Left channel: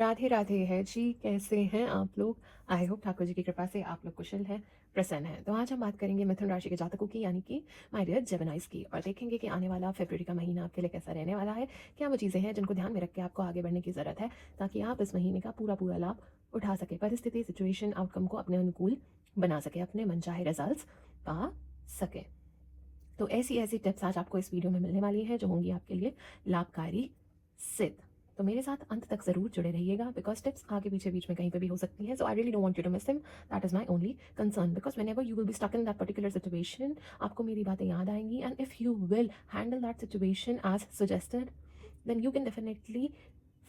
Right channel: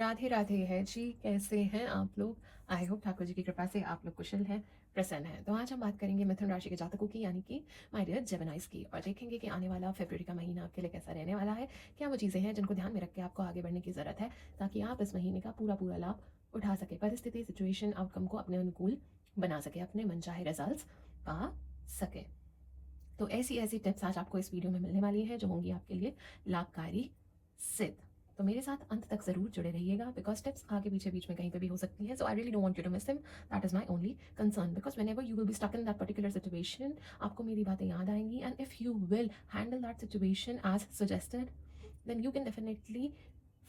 राधे राधे है जी, कैसे हैं आप लोग? आई होप ठाकुर जी की कृपा से आप लोग कुशल हैं, प्रसन्न हैं। तो आज हम बात करेंगे मिथुन राशि के जातकों की, यानी कि माय डियर जेमिनाइज की, और देखेंगे कि आने वाला फरवरी का महीना आपके लिए कैसा रहने वाला है। क्या वो चीज़ें हैं जिनको ध्यान में रख के आपको आगे बढ़ने की ज़रूरत है, ताकि आप इस महीने का पूरा पूरा लाभ उठा सके, परिस्थिति सिचुएशन आउटकम को अपने अनुकूल बना सके, अपने मनचाहे रिजल्ट पा सके। तो ऐसी ऐसी टिप्स आज आपको इस वीडियो में मिलने वाली है जो होंगी आपके लिए लाभकारी सिद्ध। तो मेरे साथ अंत तक जरूर जुड़े रहिएगा, बिकॉज टिप्स आगे पीछे बीच में कहीं पे भी हो सकती हैं। So I really don't want you to miss him. That is my only concern, because whenever you will be stuck in that particular situation, आपको मेरी बातें याद आएंगी, and if you will handle that situation as suggested, then you can definitely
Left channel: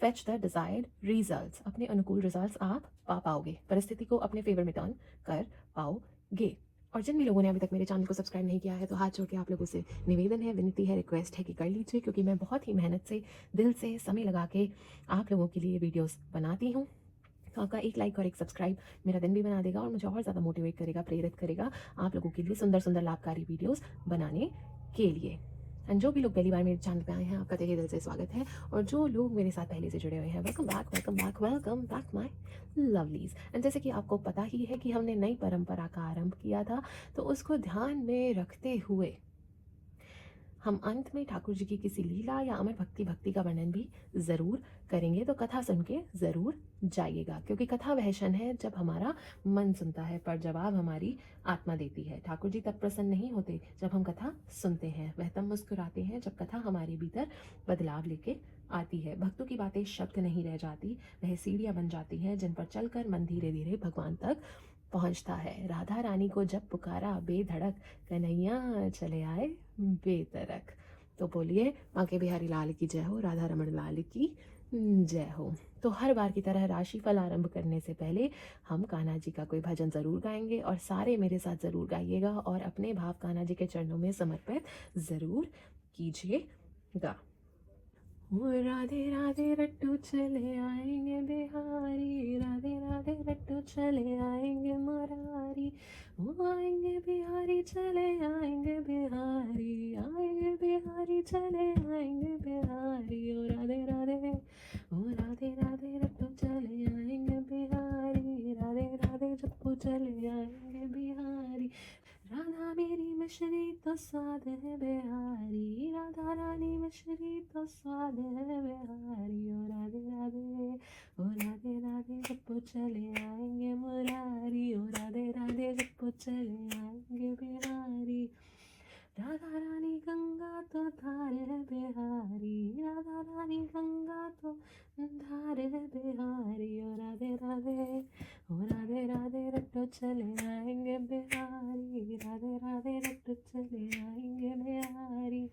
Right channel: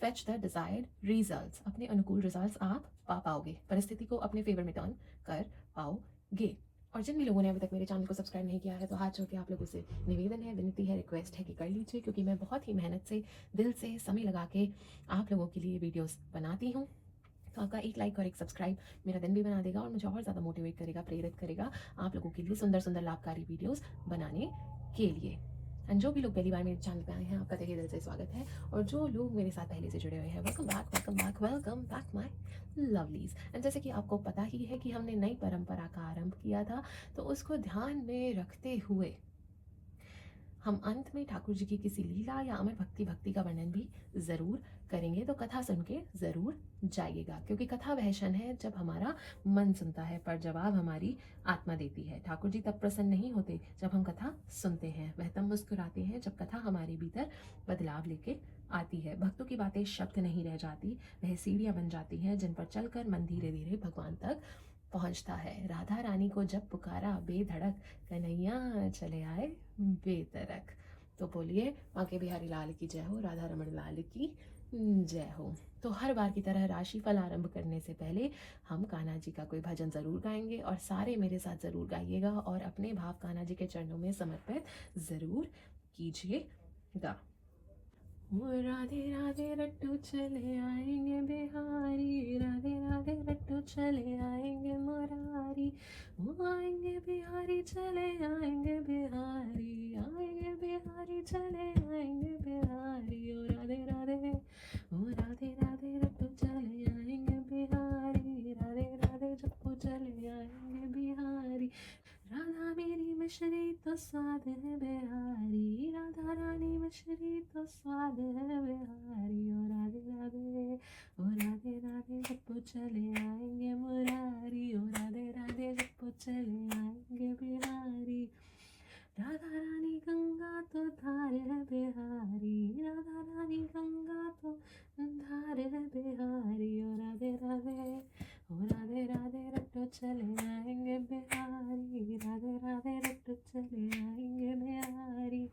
fetch the desired results. अपने अनुकूल results आप पा पाओगे, परिस्थिति को अपने फेवर में टर्न कर पाओगे। और जिन भी लोगों ने अभी तक मेरे चैनल को सब्सक्राइब नहीं किया है, तो हाथ जोड़ के आप लोगों से निवेदन है, विनती है, रिक्वेस्ट है कि कर लीजिए, क्योंकि मैं बहुत ही मेहनत से, दिल से, समय लगा के आप लोगों के लिए वीडियोस बनाती हूँ। तो आपका एक लाइक और एक सब्सक्राइब मेरा दिन भी बना देगा और मुझे और ज़्यादा मोटिवेट करेगा, प्रेरित करेगा आप लोगों के लिए सुंदर सुंदर लाभकारी वीडियोस बनाने के लिए। एंड जो भी लोग पहली बार मेरे चैनल पे आए हैं, आपका तहे दिल से स्वागत है। और जो लोग मेरे साथ पहले से जुड़े हुए हैं, welcome back, welcome back, welcome back my lovelies. And जैसे कि आपको पता ही है कि हमने नई परंपरा का आरंभ किया था, तो उसको ध्यान में रखते हुए हम अंत में ठाकुर जी की किसी लीला या अमर भक्ति का वर्णन भी ज़रूर करेंगे। तो कथा सुन के ज़रूर जाइएगा, क्योंकि कथा वह क्षण है जब हमारा मन सुनता है, पर जवाब हमारी आत्मा देती है। ठाकुर जी तब प्रसन्न नहीं होते जब हम कथा सुनते हैं, वह तब मुस्कुराते हैं जब कथा हमारे भीतर बदलाव लेके आती है। भक्तों की बातें शब्द नहीं रह जाती, वह सीढ़ियाँ बन जाती हैं जिन पर चलकर मन धीरे धीरे भगवान तक पहुंचता है। राधा रानी को जब पुकारा बेधड़क, कन्हैया चले आए बेतरक। तो बोलिए बांके बिहारी लाल की जय हो, राधा रमण लाल की जय हो। तो हर बार की तरह राशिफल आरंभ करने से पहले हम कान्हा जी का कोई भजन जरूर गाएंगे, और सारे मेरे साथ जरूर गाइएगा और अपने भाव कान्हा जी के चरणों में समर्पित जरूर कीजिएगा। वो राधे राधे रट्टू चले आएंगे बिहारी, राधे राधे रट्टू चले आएंगे मुरारी। वो आएंगे बिहारी चले आएंगे बिहारी, आएंगे बिहारी चले आएंगे बिहारी। ओ राधे राधे, ओ राधे राधे रट्टू चले आएंगे बिहारी, राधे राधे जप्पू चले आएंगे बिहारी। राधा मेरी मिश्री तो स्वाद है बिहारी, राधा रानी मिश्री तो स्वाद है बिहारी। ओ राधे राधे, ओ राधे राधे जब चले आएंगे मुरारी, ओ राधे राधे जब चले आएंगे बिहारी। राधा रानी गंगा तो धार है बिहारी, राधा रानी गंगा तो धार है बिहारी। ओ राधे राधे, ओ राधे राधे रट्टू चले आएंगे बिहारी, राधे राधे रट्टू चले आएंगे बिहारी।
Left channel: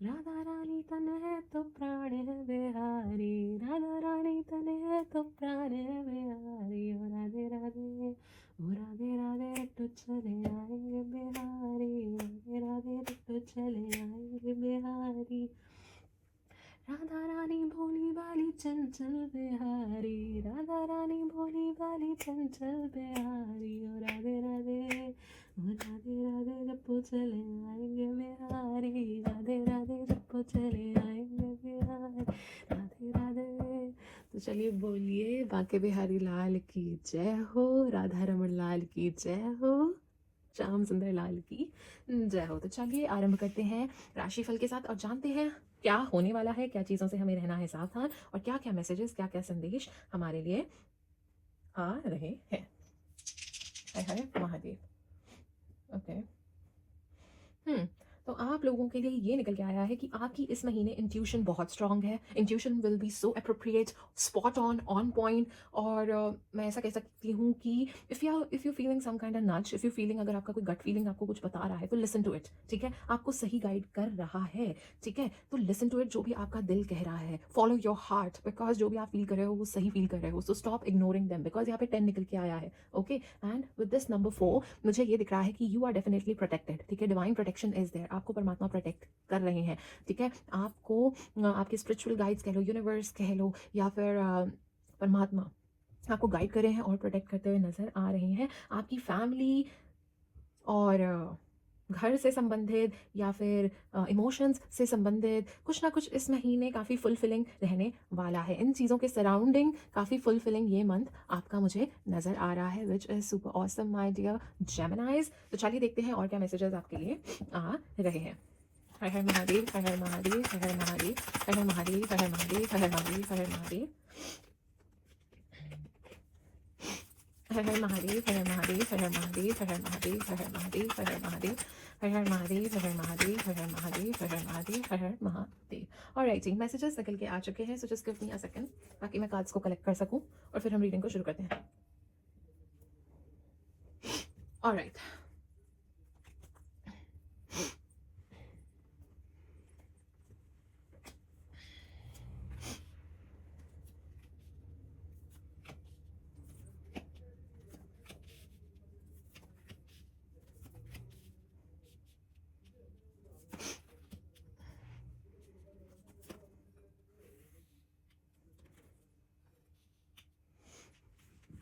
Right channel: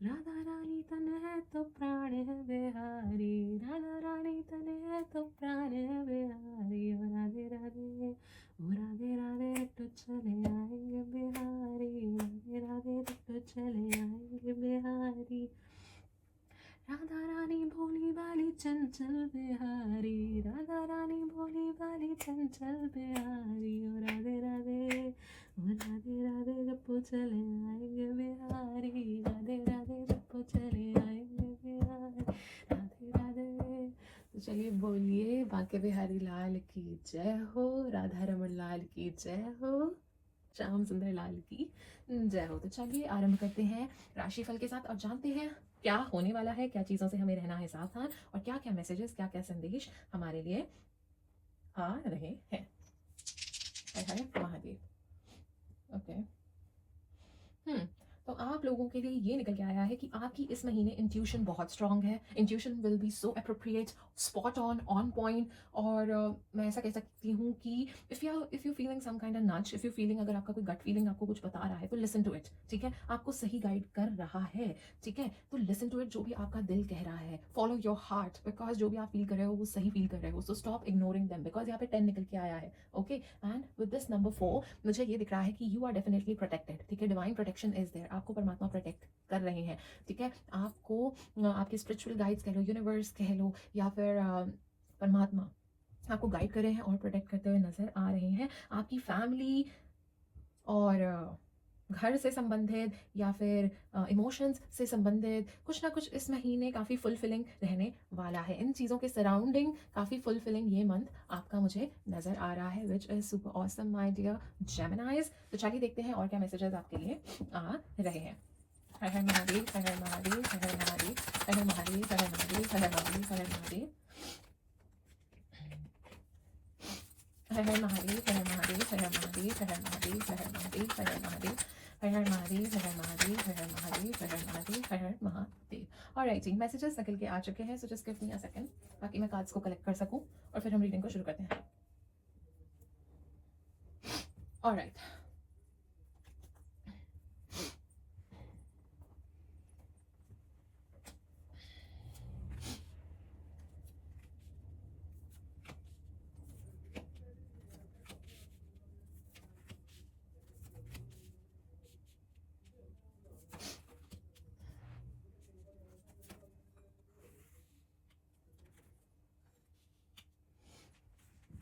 राधा रानी तन है तो प्राण है बिहारी, राधा रानी तन है तो प्राण है बिहारी। ओ राधे राधे, ओ राधे राधे रट्टू चले आएंगे बिहारी, राधे राधे रट्टू चले आएंगे बिहारी। राधा रानी भोली भाली चंचल बिहारी, राधा रानी भोली भाली चंचल बिहारी। ओ राधे राधे, ओ राधे राधे जप्पू चले आएंगे बिहारी, राधे राधे जप्पू चले आएंगे बिहारी, राधे राधे। तो चलिए बोलिए बांके बिहारी लाल की जय हो, राधा रमन लाल की जय हो, श्याम सुंदर लाल की जय हो। तो चलिए आरंभ करते हैं राशिफल के साथ और जानते हैं क्या होने वाला है, क्या चीज़ों से हमें रहना है सावधान, और क्या क्या मैसेजेस, क्या क्या संदेश हमारे लिए आ रहे हैं। हर हर महादेव। ओके। तो आप लोगों के लिए ये निकल के आया है कि आपकी इस महीने इंट्यूशन बहुत स्ट्रांग है। Intuition will be so appropriate, spot on point. और मैं ऐसा कह सकती हूँ कि if you feeling some kind of nudge, if you feeling, अगर आपका कोई गट फीलिंग आपको कुछ बता रहा है, तो लिसन टू इट। ठीक है, आपको सही गाइड कर रहा है। ठीक है, तो लिसन टू इट। जो भी आपका दिल कह रहा है, फॉलो योर हार्ट, बिकॉज जो भी आप फील कर रहे हो वो सही फील कर रहे हो। So stop ignoring them, because यहाँ पे 10 निकल के आया है। Okay, and with this number 4 मुझे ये दिख रहा है कि यू आर डेफिनेटली प्रोटेक्टेड। ठीक है, डिवाइन प्रोटेक्शन इज देयर, आपको परमात्मा प्रोटेक्ट कर रहे हैं। ठीक है, आपको आपके स्पिरिचुअल गाइड्स कह लो, यूनिवर्स कह लो, या फिर परमात्मा आपको गाइड कर रहे हैं और प्रोटेक्ट करते हुए नजर आ रहे हैं। आपकी फैमिली और घर से संबंधित या फिर इमोशंस से संबंधित कुछ ना कुछ इस महीने काफ़ी फुलफिलिंग रहने वाला है। इन चीज़ों के सराउंडिंग काफ़ी फुलफिलिंग ये मंथ आपका मुझे नज़र आ रहा है, which is super awesome my dear Geminis. तो चलिए देखते हैं और क्या मैसेजेस आपके लिए आ रहे हैं। हर हर महादेव, हर हर महादेव, हर हर महादेव, हर हर महादेव, हर हर महादेव, हर हर महादेव, हर हर महादेव, हर हर महादेव, हर हर महादेव, हर हर महादेव, हर हर महादेव, हर हर महादेव, हर हर महादेव, हर हर महादेव, हर हर महादेव, हर हर महादेव, हर हर महादेव, हर हर महादेव। ऑलराइट जी, मैसेजेस निकल के आ चुके हैं, so just give me a second ताकि मैं कार्ड्स को कलेक्ट कर सकूं और फिर हम रीडिंग को शुरू करते हैं। ऑलराइट,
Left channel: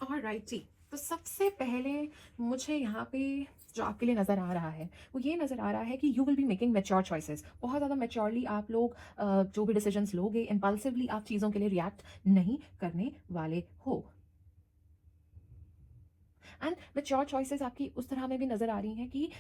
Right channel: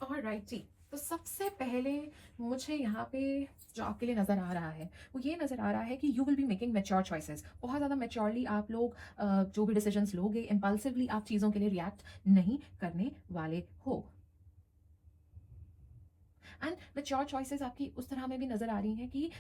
ऑलराइट जी। तो सबसे पहले मुझे यहाँ पे जो आपके लिए नज़र आ रहा है वो ये नज़र आ रहा है कि you will be making mature choices. बहुत ज़्यादा मैच्योरली आप लोग जो भी डिसीजंस लोगे, इम्पल्सिवली आप चीज़ों के लिए रिएक्ट नहीं करने वाले हो। एंड मैच्योर चॉइसेस आपकी उस तरह में भी नज़र आ रही हैं कि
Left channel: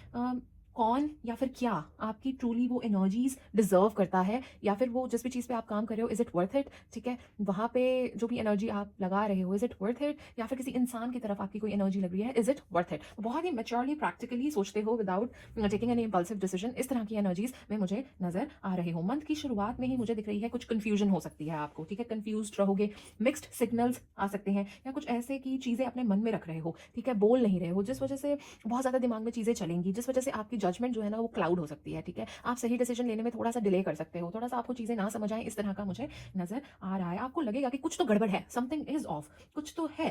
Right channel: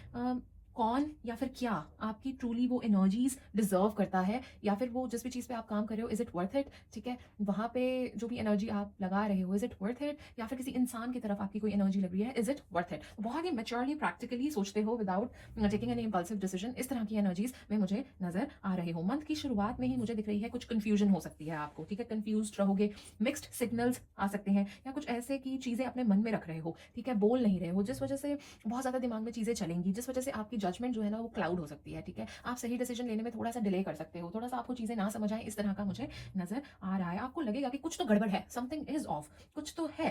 कौन या फिर क्या आपकी ट्रूली वो एनर्जीज डिजर्व करता है, या फिर वो जिस भी चीज़ पे आप काम कर रहे हो इज़ इट वर्थ इट। ठीक है, वहाँ पे जो भी एनर्जी आप लगा रहे हो इज़ इट वर्थ इट, या फिर किसी इंसान की तरफ आपकी कोई एनर्जी लग रही है इज़ इट वर्थ इट। बहुत ही मैच्योरली प्रैक्टिकली सोचते हो without taking any impulsive decision. इस तरह की एनर्जीज में मुझे नज़र आ रहे हो। मंथ की शुरुआत में ही मुझे दिख रही है कुछ कन्फ्यूजन हो सकती है आपको। ठीक है, कन्फ्यूज रहोगे, मिक्स्ड सिग्नल्स आ सकते हैं, या कुछ ऐसे की चीज़ें अपने मन में रख रहे हो। ठीक है, बोल नहीं रहे हो, जिस वजह से बहुत ज़्यादा दिमाग में चीज़ें चलेंगी, जिस वजह से आपकी जजमेंट जो है ना वो क्लाउड हो सकती है। ठीक है, आप सही डिसीजन लेने में थोड़ा सा डिले कर सकते हो, थोड़ा सा आपको चीज़ें ना समझ आए, इस तरह का मुझे नज़र आ रहा है। आपको लगेगा कि कुछ तो गड़बड़ है, समथिंग इज ऑफ, कुछ तो है,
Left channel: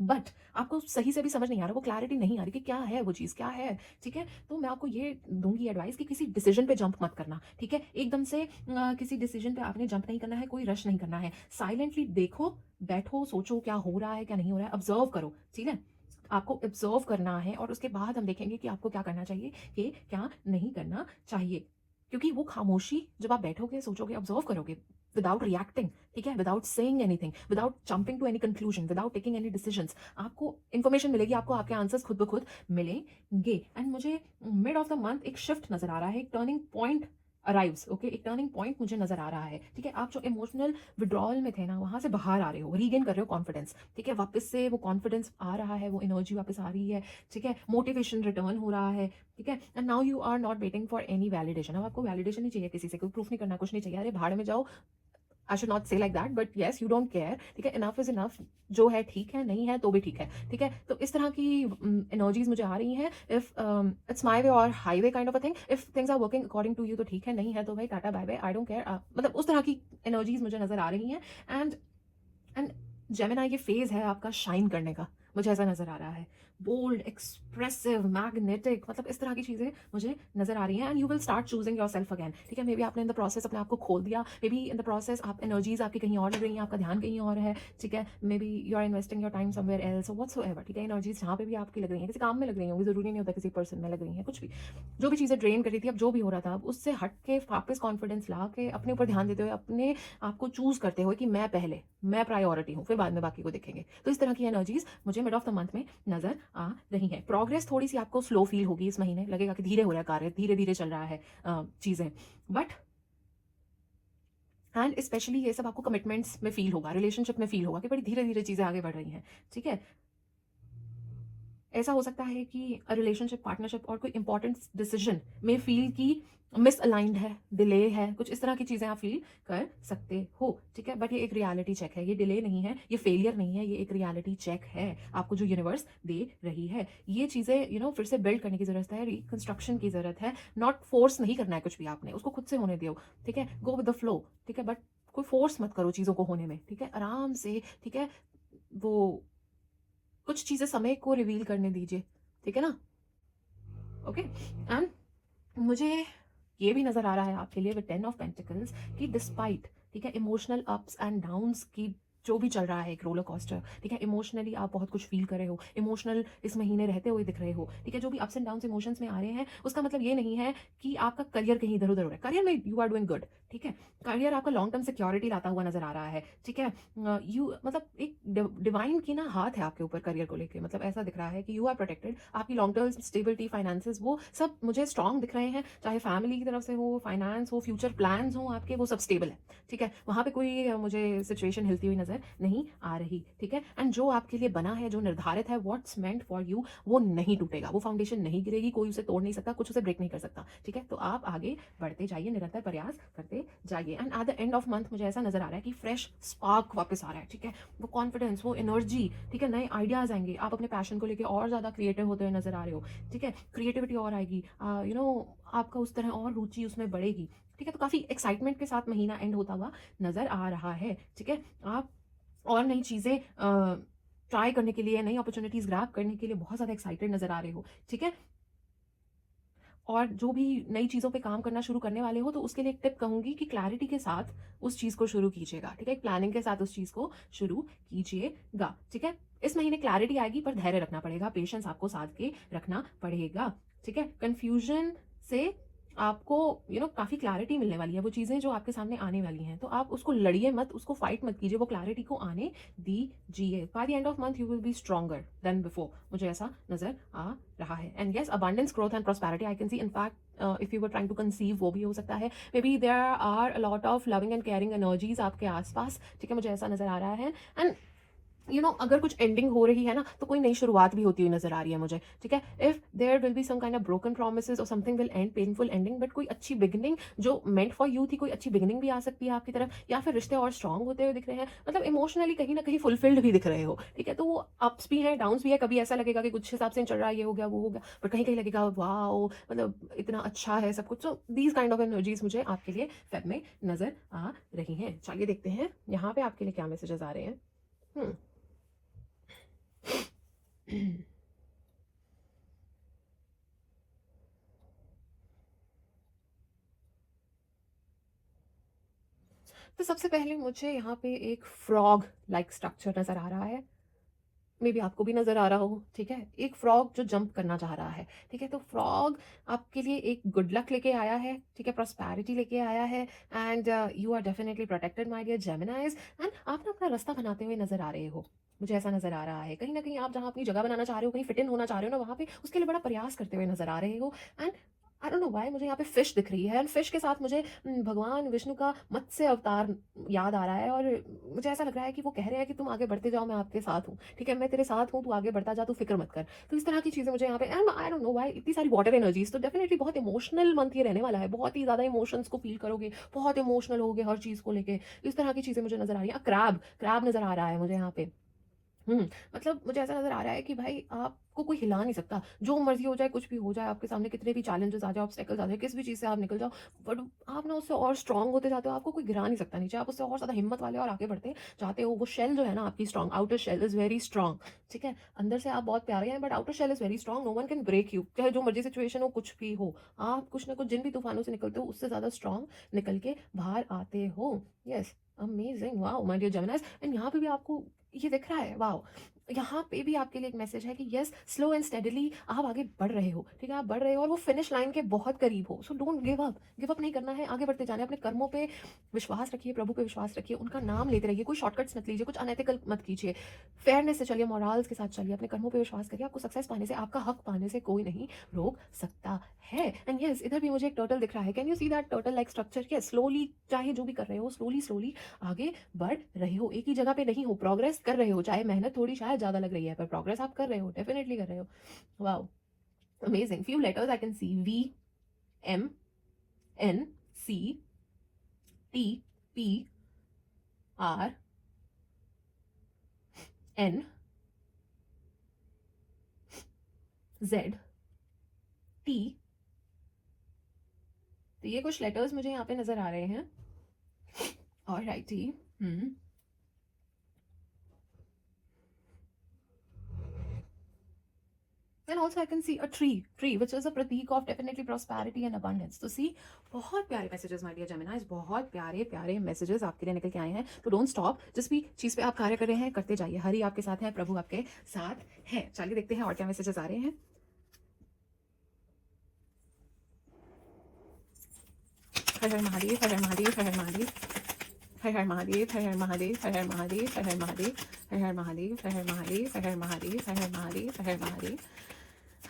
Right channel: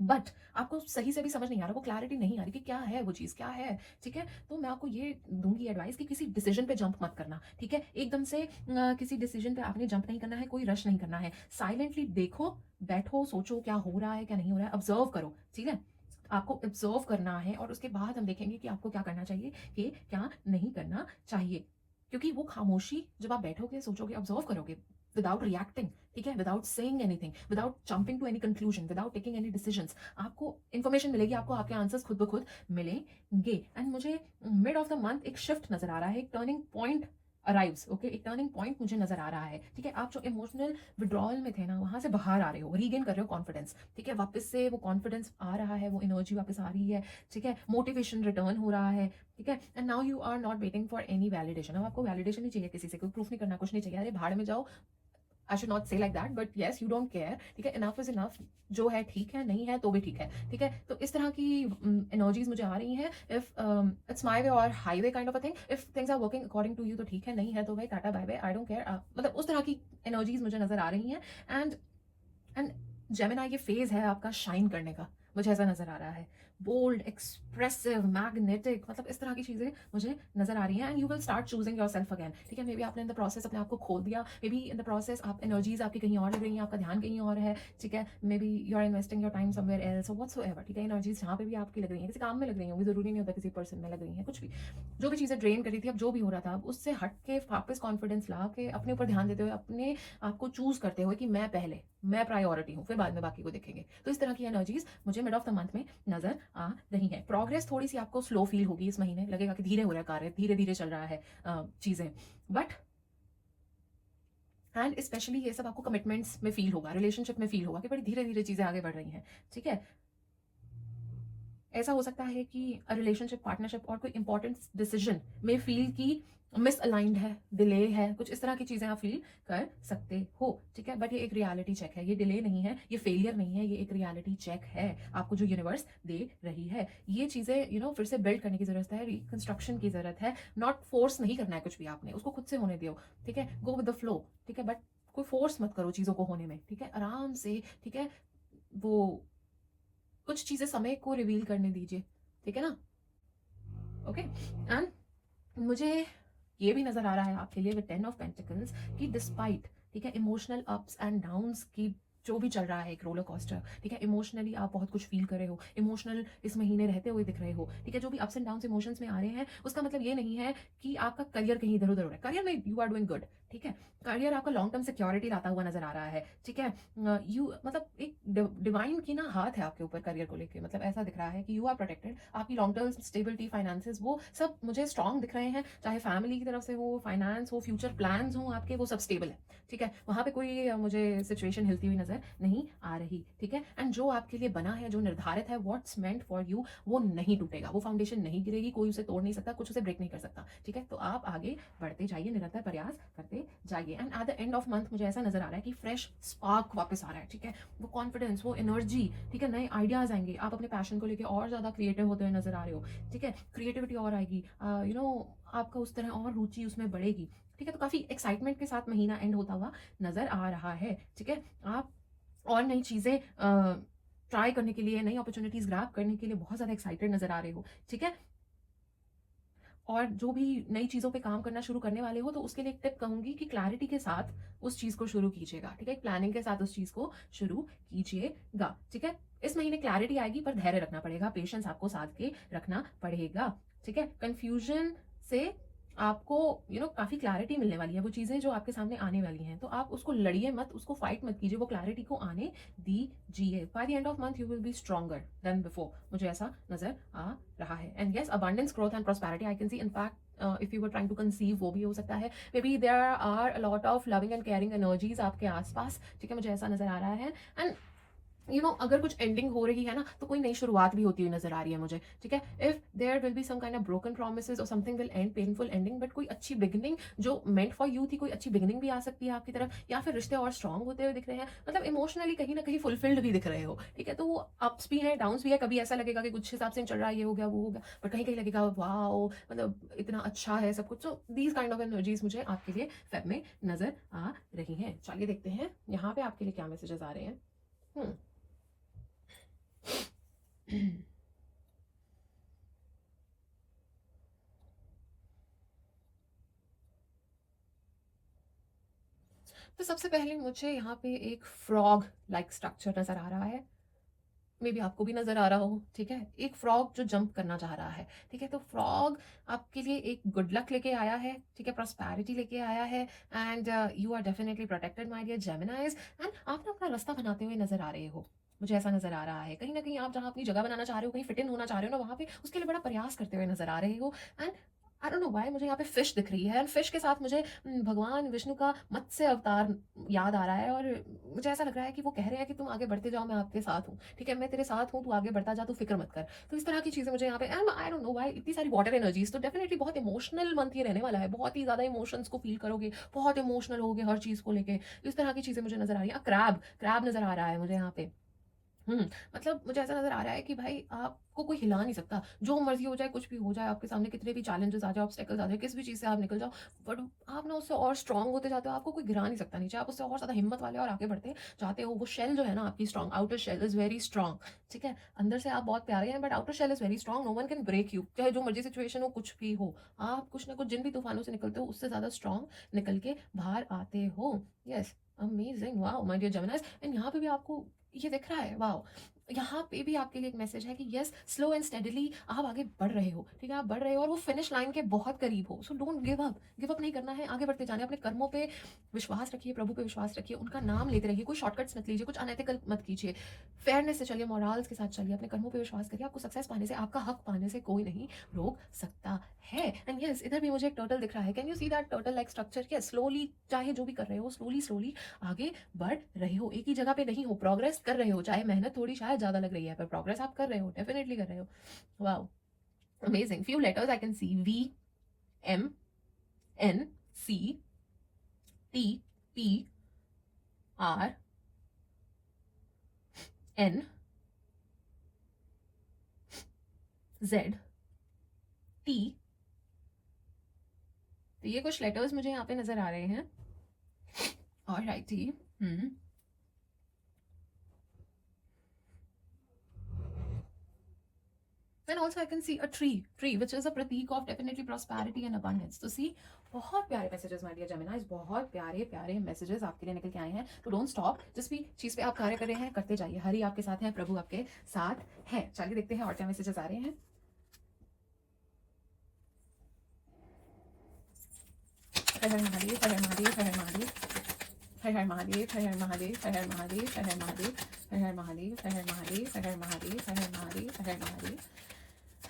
बट आपको सही से भी समझ नहीं आ रहा, वो क्लैरिटी नहीं आ रही कि क्या है वो चीज़, क्या है। ठीक है, तो मैं आपको ये दूंगी एडवाइस कि किसी डिसीजन पे जंप मत करना। ठीक है, एकदम से किसी डिसीजन पे आपने जंप नहीं करना है, कोई रश नहीं करना है। साइलेंटली देखो, बैठो, सोचो क्या हो रहा है, क्या नहीं हो रहा है, ऑब्जर्व करो। ठीक है, आपको ऑब्जर्व करना है और उसके बाद हम देखेंगे कि आपको क्या करना चाहिए, कि क्या नहीं करना चाहिए। क्योंकि वो खामोशी जब आप बैठोगे, सोचोगे, ऑब्जर्व करोगे विदाउट रिएक्टिंग, ठीक है, without saying anything, without jumping to any conclusion, without taking any decisions, आपको इन्फॉर्मेशन मिलेगी, आपको आपके आंसर्स खुद ब खुद मिलेंगे। एंड मुझे मिड ऑफ द मंथ एक शिफ्ट नजर आ रहा है, एक टर्निंग पॉइंट अराइव्स। ओके, एक टर्निंग पॉइंट मुझे नजर आ रहा है। ठीक है, आप जो इमोशनल विड्रॉल में थे ना, वहां से बाहर आ रहे हो, रीगेन कर रहे हो कॉन्फिडेंस। ठीक है, वापस से वो कॉन्फिडेंस आ रहा है, वो एनर्जी वापस आ रही है। ठीक है, मोटिवेशन रिटर्न हो रहा है। ठीक है, and now you are not waiting for any validation. अब आपको वैलिडेशन नहीं चाहिए, किसी से कोई प्रूफ नहीं करना, कुछ नहीं चाहिए। अरे भाड़ में जाओ, आई शुड नॉट से like that, but yes you don't care. ठीक है, इनफ इज इनफ, जो है ठीक है, नहीं है तो भी ठीक है। ठीक है, तो इस तरह की एनर्जीज मुझे आ रही हैं। इफ इट्स माई वे और highway kind of a thing, if things are working according to you तो ठीक है, नहीं है तो भाई tata bye bye, I don't care. मतलब उस तरह की एनर्जीज मुझे नजर आ रही हैं। एंड जेमिनी, ये फेज है आपका शाइन करने का, मुझे ऐसा नजर आ रहा है। बोल्ड, एक्सप्रेसिव, मैग्नेटिक, मतलब इस तरह की चीजें मुझे नजर आ रही हैं। And you will start choosing your self again. ठीक है, मे बी आपने इन द प्रोसेस अपने आप को खोल दिया, may be in the process आप एनर्जीज आपकी कहीं और लग रही हैं, आपका ध्यान कहीं और है। ठीक है, maybe you are investing your time somewhere else, whatsoever. ठीक है, एनर्जीज जहाँ पे भी आपकी लग रही हैं, किसी काम में लग रही होंगी, जरूरी नहीं होता किसी पर्सन में लग रही हैं, कुछ भी, जो भी चीज़ें ड्रेन कर रही थी, अब जो भी हो रहा था, अब उससे हट के वापस कॉन्फिडेंस ला के अपने ऊपर ध्यान देते हुए, अपने आपको चूज करते हुए कि मैं पहले, मैं प्रायोरिटी हूँ, फिर बाद में बाकी को देखेंगे। तो इस तरह की एनर्जीज मुझे मिड ऑफ द मंथ में नजर आ रही है। प्रोग्रेस थोड़ी सी आपको स्लो फील होगी इस महीने, लगेगा कि धीरे हो रहा है कार्य, धीरे धीरे चल रहा है चीजें, बट एंड स्पेशली ये सब आपको कमिटमेंट्स में फील होगा, रिलेशनशिप में फील होगा कि बड़ी धीरे धीरे चीजें आगे बढ़ रही हैं। ठीक है, ऐसा हो सकता है कि रिलेशनशिप, पार्टनरशिप और कोई इंपॉर्टेंट डिसीजन में फील की मिसअलाइंड है, डिले है, कुछ इस तरह की चीज़ें आप फील कर सकते हो। ठीक है, बट ये एक रियलिटी चेक है, ये डिले नहीं है, ये फेलियर नहीं है, ये एक रियलिटी चेक है आपको जो यूनिवर्स दे रही है। ये चीज़ें फिर से बिल्ड करने की ज़रूरत है, रिकंस्ट्रक्शन की ज़रूरत है। नॉट फोर्स नहीं करना है कुछ भी आपने, उसको खुद से होने दो। ठीक है, गो विद द फ्लो। ठीक है, बट कोई फोर्स मत करो चीज़ों को होने में। ठीक है, आराम से। ठीक है, वो कुछ चीज़ें समय को रिवील करने दीजिए। ठीक है ना, ओके। एंड मुझे ये भी नजर आ रहा है आपके लिए विद 10 ऑफ पेंटिकल्स कि डिस्पाइट, ठीक है, इमोशनल अप्स एंड डाउन्स की जो भी चल रहा है एक रोलर कोस्टर, ठीक है। इमोशनली आप बहुत कुछ फील कर रहे हो, इमोशनल इस महीने रहते हुए दिख रहे हो, ठीक है। जो भी अप्स एंड डाउन्स इमोशंस में आ रहे हैं, उसका मतलब ये नहीं है कि आपका करियर कहीं इधर उधर हो रहा है। करियर में यू आर डूइंग गुड, ठीक है। करियर आपको लॉन्ग टर्म सिक्योरिटी लाता हुआ नजर आ रहा है, ठीक है। यू मतलब एक डिवाइन की ना हाथ है आपके ऊपर करियर को लेके, मतलब ऐसा दिख रहा है कि यू आर प्रोटेक्टेड। आपकी लॉन्ग टर्म स्टेबिलिटी, फाइनेंसेस, वो सब मुझे स्ट्रांग दिख रहे हैं। चाहे फैमिली की तरफ से हो, फाइनेंस हो, फ्यूचर प्लान्स हो आपके, वो सब स्टेबल है, ठीक है। वहाँ पे कोई मुझे सिचुएशन हिलती हुई नजर नहीं आ रही, ठीक है। एंड जो आपके लिए बना है, जो निर्धारित है, व्हाट्स मेंट फॉर यू, वो नहीं टूटेगा, वो फाउंडेशन नहीं गिरेगी, कोई उसे तोड़ नहीं सकता, कुछ उसे ब्रेक नहीं कर सकता, ठीक है। तो आप आगे बढ़ते जाइए, निरंतर प्रयास करते जाइए। And at the end of month मुझे ऐसा नजर आ रहा है कि फ्रेश स्पार्क वापस आ रहा है, ठीक है। वो कॉन्फिडेंस, वो एनर्जी, ठीक है। नए आइडियाज आएंगे, आप अपने पैशन को लेकर और ज्यादा क्रिएटिव होते हुए नजर आ रहे हो, ठीक है। क्रिएटिविटी और आएगी, आपका उस तरह और रुचि उसमें बढ़ेगी, ठीक है। तो काफी एक्साइटमेंट के साथ महीना एंड होता हुआ नजर आ रहा है, ठीक है। आप और नई चीजें ट्राई करने के लिए, नई अपॉर्चुनिटीज ग्रैब करने के लिए बहुत ज्यादा एक्साइटेड नजर आ रहे हो, ठीक है। और जो भी नई चीज़ों पे काम करना शुरू करने वाले हो, तो उसके लिए एक टिप कहूंगी कि क्लैरिटी के साथ उस चीज़ को शुरू कीजिएगा, ठीक है। प्लानिंग के साथ उस चीज़ को शुरू कीजिएगा, ठीक है। इस महीने क्लैरिटी आएगी, पर धैर्य रखना पड़ेगा, पेशेंस आपको साथ के रखना पड़ेगा, ठीक है। कंफ्यूजन से आपको काफ़ी क्लैरिटी मिलने वाली है। वो चीज़ें जो आपके सामने आने वाली हैं, तो आप उसको लड़िए मत, उसको फाइट मत कीजिए, वो क्लैरिटी को आने दीजिए। By the end of month you will be stronger than before, मुझे ऐसा नजर आ रहा है। And yes, abundance, growth and prosperity I can see. In fact if you were trying to conceive, वो भी हो सकता है। Maybe there are a lot of loving and caring energies आपके आसपास, ठीक है, मुझे ऐसा नजर आ रहा है। एंड अगर कुछ एंडिंग हो रही है ना, तो कोई नई शुरुआत भी होती हुई नजर आ रही है मुझे, ठीक है। If there will be some kind of broken promises और something will and painful ending, but कोई अच्छी बिगिनिंग जो मेंट फॉर यू थी, कोई अच्छी बिगिनिंग भी आ सकती है आपकी तरफ, या फिर रिश्ते और स्ट्रांग होते हुए दिख रहे हैं, मतलब इमोशनली कहीं ना कहीं फुलफिल्ड भी दिख रहे हो, ठीक है। तो वो अप्स भी हैं, डाउन्स भी है। कभी ऐसा लगेगा कि कुछ हिसाब से चल रहा है, ये हो गया, वो हो गया, बट कहीं कहीं लगेगा वाओ, मतलब इतना अच्छा है सब कुछ। तो दीज काइंड ऑफ एनर्जीज मुझे आपके लिए फेब में नजर आ रही हैं। चलिए देखते हैं यहाँ पे आपके लिए क्या मैसेजेस आ रहे हैं। हम्म तो सबसे पहले मुझे यहाँ पे एक फ्रॉग लाइक स्ट्रक्चर नजर आ रहा है। मे बी आपको भी नजर आ रहा हो, ठीक है। एक फ्रॉग जो जंप करना चाह रहा है, ठीक है। तो फ्रॉग आपके लिए एक गुड लक लेके आया है, ठीक है, प्रॉस्पेरिटी लेके आया है। And you are definitely protected my dear Geminis. And आप ना अपना रास्ता बनाते हुए नजर आ रहे हो, मुझे ऐसा नजर आ रहा है। कहीं ना कहीं आप जहाँ अपनी जगह बनाना चाह रहे हो, कहीं फिट इन होना चाह रहे हो ना, वहाँ पे उसके लिए बड़ा प्रयास करते हुए नजर आ रहे हो। And I don't know why मुझे यहाँ पे फिश दिख रही है, एंड फिश के साथ मुझे भगवान विष्णु का मत्स्य अवतार याद आ रहा है। और मुझे ऐसा लग रहा है कि वो कह रहे हैं कि तुम आगे बढ़ते जाओ, मैं आपके साथ हूँ, ठीक है, मैं तेरे साथ हूँ, तू आगे बढ़ता जा, तू फिक्र मत कर। तो इस तरह की चीजें मुझे यहाँ पे, and I don't know why इतनी सारी वाटर एनर्जीज। तो डेफिनेटली बहुत इमोशनल मंथ ये रहने वाला है, बहुत ही ज्यादा इमोशंस को फील करोगे, बहुत इमोशनल होगे हर चीज को लेके। इस तरह की चीजें मुझे नजर आ रही है। क्रैब क्रैब नजर आ रहा है मुझे यहाँ पे। मतलब मुझे ऐसा नज़र आ रहा है कि भाई आपको कोई हिला नहीं सकता, जो मर्ज़ी हो जाए, कुछ भी हो जाए, आपके सामने कितने भी चैलेंजेस आ जाए, ऑब्स्टेकल्स आ जाए, किस भी चीज़ से आप निकल जाओ, बट आप ना उससे और स्ट्रांग होते जाते हो, आपको कोई गिरा नहीं सकता नीचे, आप उससे और ज़्यादा हिम्मत वाले और आगे बढ़ते जाते हो। वो शेल जो है ना आपकी strong, outer shell is very strong, ठीक है। अंदर से आप बहुत प्यारे हैं, but outer shell is very strong, no one can break you, चाहे जो मर्जी सिचुएशन हो, कुछ भी हो। आप कुछ ना कुछ जिन भी तूफानों से निकलते हो, उससे ज़्यादा स्ट्रांग निकल के बाहर आते हो। Yes, amazing, wow my dear Geminis. And यहाँ पे भी आपको ये दिख रहा है, वाओ। यहाँ पे भी आपके लिए एक मैसेज है कि यस, स्लो एंड स्टेडली आप आगे बढ़ रहे हो, ठीक है। आप बढ़ रहे हो और वो फिनिश लाइन के बहुत करीब हो। सो डोंट गिव अप नहीं करना है, आगे बढ़ते जाना है। अपने कर्मों पे विश्वास रखिए, प्रभु पे विश्वास रखिए, उनका नाम लेते रहिए, कोई शॉर्टकट्स मत लीजिए, कुछ अनएथिकल मत कीजिए, फेयरनेस से चलिए, मॉरल्स के साथ चलिए, अपने कर्मों पे विश्वास करिए। आपको सक्सेस पाने से, आपका हक पाने से कोई नहीं रोक सकता है। एंड यस, इधर भी मुझे एक टर्टल दिख रहा है। Can you see that turtle like structure? Yes, slowly, चाहे जो भी कर रहे हो, स्लोली स्लोली आगे बढ़ रहे हो, एक ही जगह पे नहीं हो, प्रोग्रेस कर रहे हो। चाहे मेहनत थोड़ी शायद ज्यादा लग रही है, पर प्रोग्रेस आप कर रहे हो, डेफिनेटली कर रहे हो। Wow, amazing. Few letters I can see, V, M, N, C, T, P, R, N, Z, T. तो ये कुछ लेटर्स मुझे यहाँ पे नजर आ रहे हैं। और righty, And also I can see a tree which is a pratik of definitely prosperity and abundance. तो see, बहुत प्यारे मैसेजेस माय डियर जेमिनाइज, बहुत प्यारे प्यारे मैसेजेस आपके लिए निकल के आए हैं। तो डोंट स्टॉप, जिस भी चीज़ पे आप कार्य कर रहे हैं करते जाइए। हरि आपके साथ हैं, प्रभु आपके साथ हैं। चलिए देखते हैं और क्या मैसेजेस आ रहे हैं। हर हर महादेव, हर हर महादेव, हर हर महादेव, हर हर महादेव, हर हर महादेव, हर हर महादेव, हर हर महादेव, हर हर महादेव, हर हर महादेव, हर हर महादेव, हर हर महादेव,